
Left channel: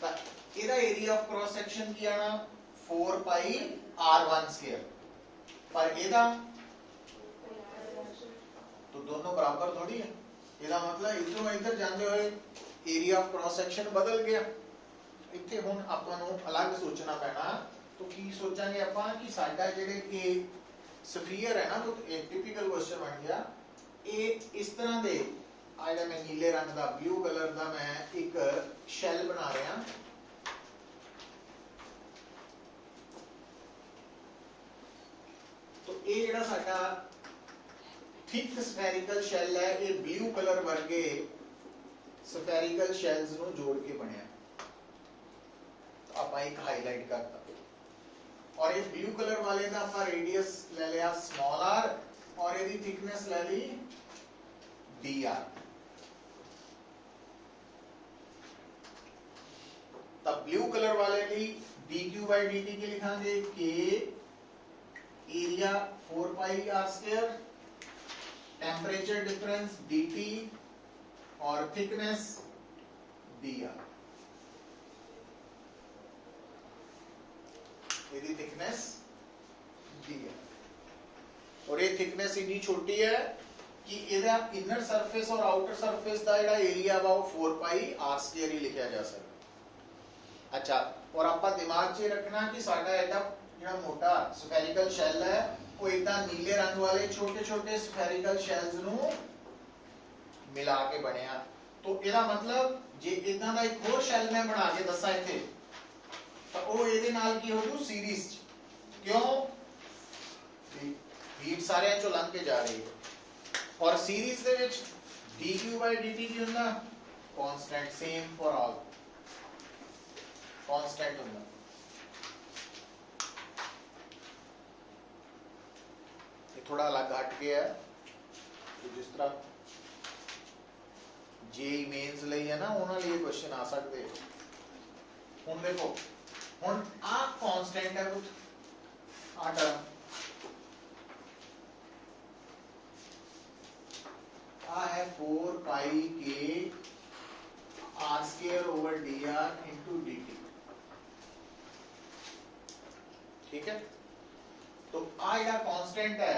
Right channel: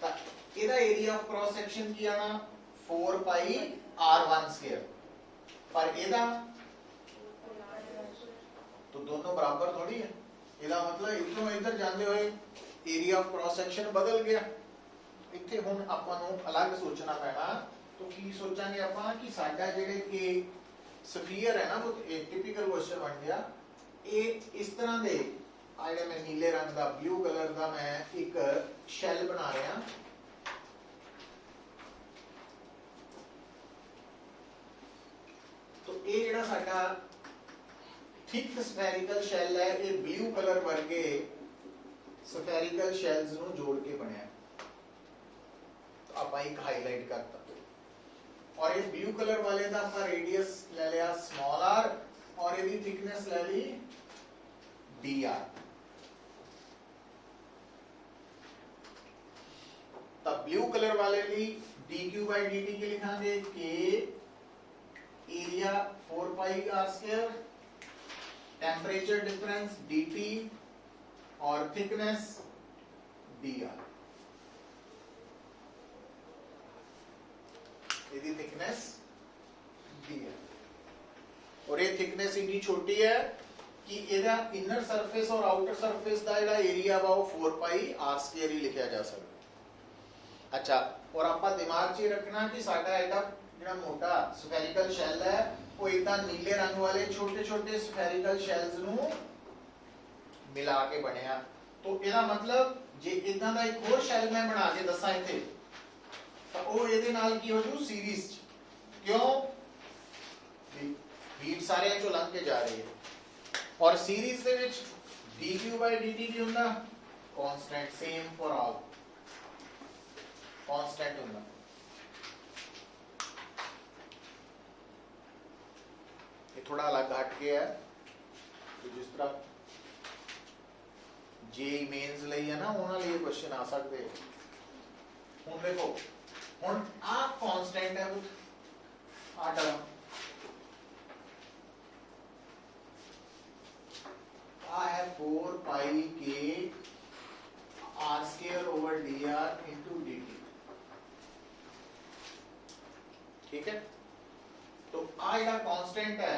ਤਾਂ ਇਹਦਾ ਏਰੀਆ ਆਫ ਕ੍ਰਾਸ ਸੈਕਸ਼ਨ ਕੀ ਆਣਾ 4 ਪਾਈ R1 ਸਕੁਅਰ ਪਰ ਇਹਦਾ तो दोनों बराबर थोड़ी है ਇਹਦਾ ਮਤਲਬ ਇਧਰੋਂ ਇੱਧਰ ਜਾਂਦੇ ਹੋਏ ਏਰੀਆ ਆਫ ਕ੍ਰਾਸ ਸੈਕਸ਼ਨ ਬਦਲ ਗਿਆ ਇੱਥੇ ਹੁਣ ਆਪਾਂ ਨੂੰ ਅਲੱਗ ਸੋਚਣਾ ਪੈਣਾ ਤਾਂ ਕੀ ਸੋਚਾਂਗੇ ਆਪਾਂ ਕਿ ਸਾਡਾ ਜਿਹੜੇ ਇਹ ਸਫੀਅਰ ਹੈ ਨਾ ਉਹ ਟਿਪੀਕਲ ਕੁਐਸਚਨ ਬਣ ਗਿਆ ਇਹ ਇਸ ਤਰ੍ਹਾਂ ਦੇ ਆ ਜਿਹੜਾ ਮੈਂ ਨੀਲੇ ਰੰਗ ਦਾ ਬਲੂ ਕਲਰ ਦਾ ਮੈਂ ਇੱਕ ਸ਼ੈਲ ਬਣਾ ਰਿਹਾ तो ਇਹ ਜਿਹੜਾ ਸਾਡਾ थिक spherical shell है ये ब्लू कलर वर्गे spherical shells ਨੂੰ ਜੋੜ ਕੇ ਬਣਿਆ तो ਆਪਾਂ ਇੱਕ ਹਾਈਲਾਈਟ ਕਰਤਾ और ये ब्लू कलर वाले ਦਾ ਆਪਾਂ रेडियस ਲੈ ਲਿਆ स्मॉल r और ਇਹਦੀ थिकनेस ਲੈ ਲਈ dr तब ब्लू कलर वाले की dq by dt की लिखांगे k एरिया 4 पाई r square temperature difference dt और थिकनेस dr यदि थिकनेस dr और ये थिकनेस इतनी छोटी है कि ਇਹਦਾ इनर सरफेस और आउटर सरफेस ਦਾ ਜਿਹੜਾ ਏਰੀਆ ਵਾ ਉਹ 4 ਪਾਈ r ਸਕੁਅਰ ਹੀ ਲਿਖਿਆ ਜਾ ਸਕਦਾ। अच्छा और ਆਪਾਂ ਦਿਮਾਗ 'ਚ ਰੱਖਣਾ ਕਿ ਸਾਡਾ ਇਹਦਾ ਜਿਹੜਾ ਮੋਟਾ ਸਫੈਰਿਕਲ ਸ਼ੈਲ ਹੈ ਉਹ ਇਦਾਂ ਨੀਲੇ ਰੰਗ ਵਾਲੇ ਛੋਟੇ-ਛੋਟੇ ਸਫੈਰਿਕਲ ਸ਼ੈਲਸ ਨੂੰ ਮਿਲਾ ਕੇ ਬਣਿਆ। तो ਇਹਦਾ ਮਤਲਬ ਜੇ ਇਦਾਂ ਦਾ ਇੱਕ ਹੋਰ ਸ਼ੈਲ ਮੈਂ ਬਣਾ ਕੇ ਦੱਸਾਂ ਇੱਥੇ ਤਾਂ ਉਹ ਇਹਦੇ ਨਾਲ ਕੀ ਹੋ ਜੂ ਸੀਰੀਜ਼ ਕਿਉਂ ਹੀਟ ਸਾਰਿਆਂ ਚੋਂ ਲੰਘ ਕੇ ਜਾ ਰਹੀ ਹੈ और सीरीज ਦੇ ਵਿੱਚ dq by dt ਕੀ ਹੁੰਦਾ constant same for all constant ਹੁੰਦਾ। ਇਹ ਥੋੜਾ ਅਲੱਗ ਹਟ ਗਿਆ ਹੈ ਕਿ ਜਿਸ ਤਰ੍ਹਾਂ ਜੇ ਮੇਨਸ ਲਈ ਹੈ ਨਾ ਉਹਨਾਂ ਲਈ ਕੁਐਸਚਨ ਆ ਸਕਦੇ ਹੁਣ ਦੇਖੋ ਹੁਣ ਆ ਕਾਂਸਟੈਂਟ ਹੈ ਆ ਟਰਮ 4 पाई के R square over D R into D T. ठीक है, तो आ ਜਿਹੜਾ कांस्टेंट है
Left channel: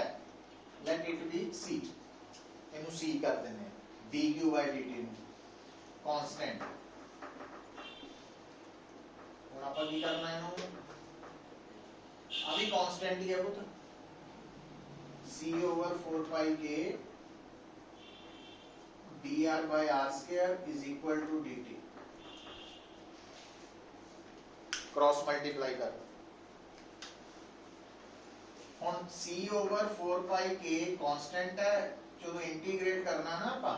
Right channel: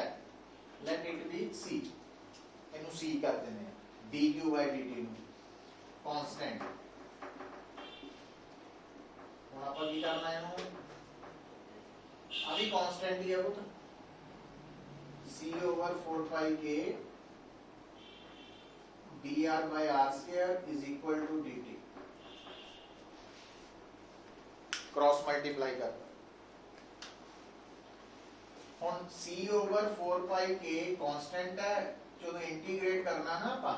लेट इट बी सी, ਇਹਨੂੰ c ਕਰ ਦਿੰਦੇ ਆ dq by dt ਨੂੰ कांस्टेंट। ਹੁਣ ਆਪਾਂ ਕੀ ਕਰਨਾ ਇਹਨੂੰ, ਆ ਵੀ कांस्टेंट ਹੀ ਹੈ ਪੁੱਤ, c over 4 pi k dr by r square is equal to dt, cross multiply कर। ਹੁਣ c over 4 pi k constant है, ਜਦੋਂ इंटीग्रेट करना ना ਆਪਾਂ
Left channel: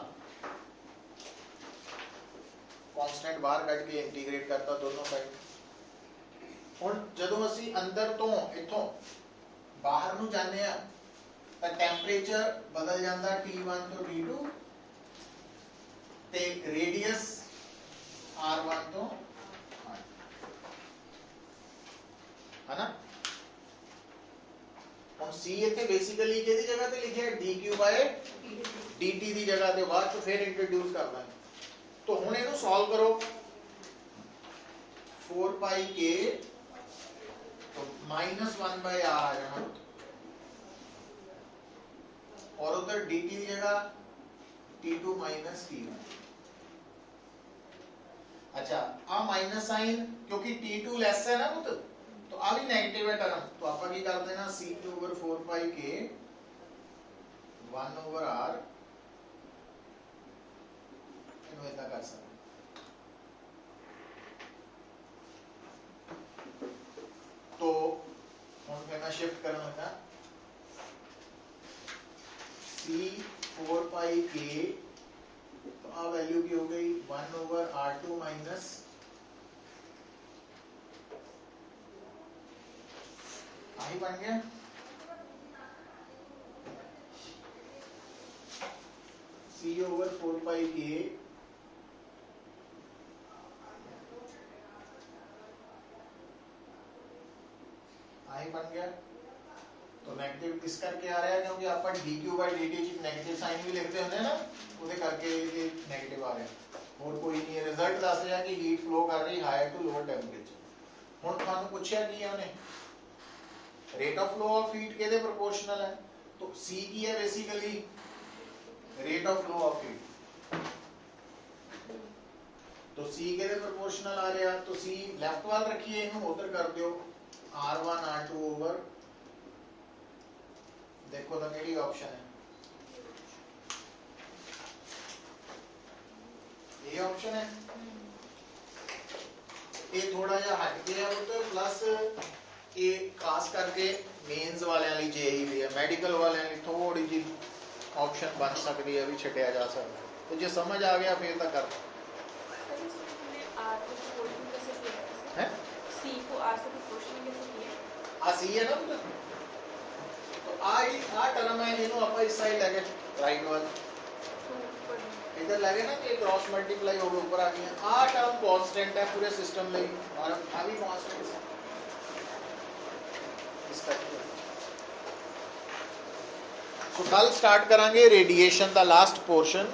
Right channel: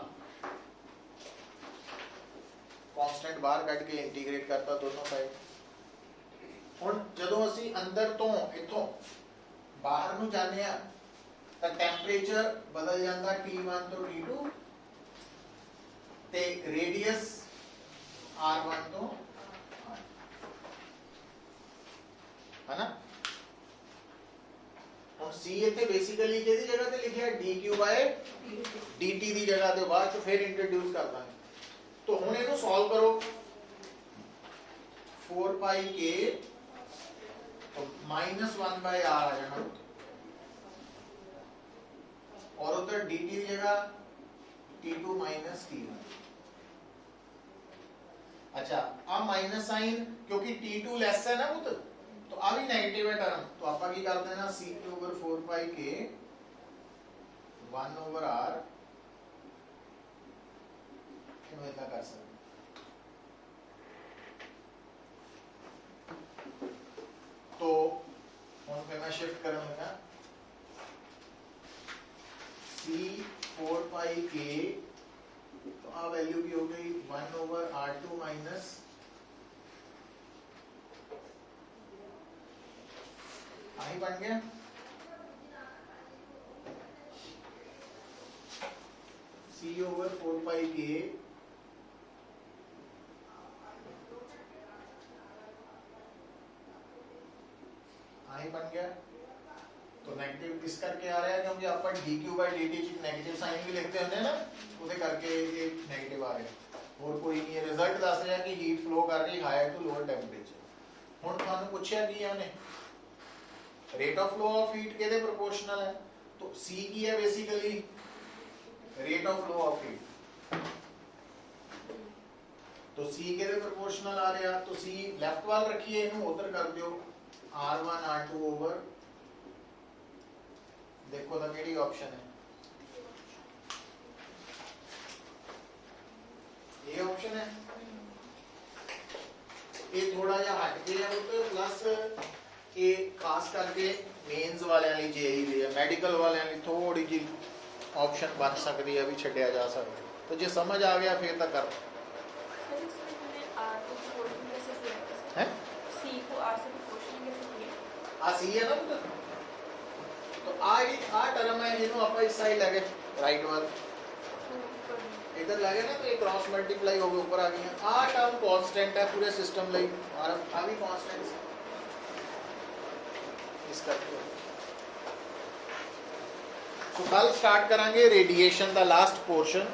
कांस्टेंट बाहर ਕੱਢ ਕੇ इंटीग्रेट करता दोनों साइड। ਹੁਣ ਜਦੋਂ ਅਸੀਂ ਅੰਦਰ ਤੋਂ ਇਥੋਂ ਬਾਹਰ ਨੂੰ ਜਾਂਦੇ ਆ ਤਾਂ ਟੈਂਪਰੇਚਰ ਬਦਲ ਜਾਂਦਾ T1 ਤੋਂ T2 ਤੇ ਰੇਡੀਅਸ R1 ਤੋਂ R, है ना। हम c ਇੱਥੇ ਬੇਸਿਕਲੀ ਕਿਹਦੀ ਜਗ੍ਹਾ ਤੇ ਲਿਖਿਆ dq by dt ਦੀ ਜਗ੍ਹਾ ਤੇ, ਬਾਅਦ ਚ ਫਿਰ ਇੰਟਰੋਡਿਊਸ ਕਰ ਦਾਂਗੇ। तो ਹੁਣ ਇਹਨੂੰ ਸੋਲਵ ਕਰੋ, 4 पाई k तो -1 by r आ जाना, और उधर dt की जगह t2 minus t1। अच्छा, अब माइनस साइन क्योंकि t2 लेस है ना पुत्र, तो आ भी नेगेटिव है टर्म, तो आप की कर देना c over 4 pi k 1 over r, ਇਹਨੂੰ ਇਦਾਂ ਕਰ ਸਕਦੇ। तो ਹੁਣ ਫਿਰ ਮੈਂ ਸ਼ਿਫਟ ਕਰਨ ਲੱਗਾ c 4 pi k, तो आ वैल्यू की हो गई 1 over r2 माइनस आई बन गया c over 4 pi k आई बन गया। तो नेगेटिव किस करके आ रहा है, क्योंकि आप dq by dt negative sign भी लिखते होंगे ना, ਉਹਦੇ ਕਰਕੇ ये नेगेटिव आ रहा है, और कोई नहीं। रिजल्ट दस रहा कि हीट फ्लो कर रही हायर टू लोअर टेंपरेचर। ਹੁਣ ਤੁਹਾਨੂੰ ਪੁੱਛਿਆ ਕੀ ਹੈ ਉਹਨੇ, rate of flow of heat के प्रोपोर्शनल है, तो c की है basically rate of flow of heat, तो c के प्रोपोर्शनल आ रहा, तो c लेफ्ट वाल रखिए, इन्हों उधर कर दियो r1 r2 ओवर, देखो तो केड़ी ऑप्शन है, ये ऑप्शन है। ये थोड़ा जा हट गया तो प्लस ये खास करके मेंस वाले वाली जेई भी है, मेडिकल वाले वाली थोड़ी जी ऑप्शन बन सकती है, भी छटिया जा सकता है। तो जो समझ आ गया फिर तक कर है c को r से प्रोपोर्शनल कैसे किया, आ सी है ना, तो आ टर्म है, इनो अपन इस साइड लगे राइट वन इधर लगे ना, तो ये क्रॉस मल्टीप्लाई हो गया ऊपर आ गया। आ टर्म कांस्टेंट है पूरे सिस्टम ਲਈ, और आ भी कांस्टेंट है इसका। तो कल स्टार्ट करांगे रेडिएशन का लास्ट पोर्शन।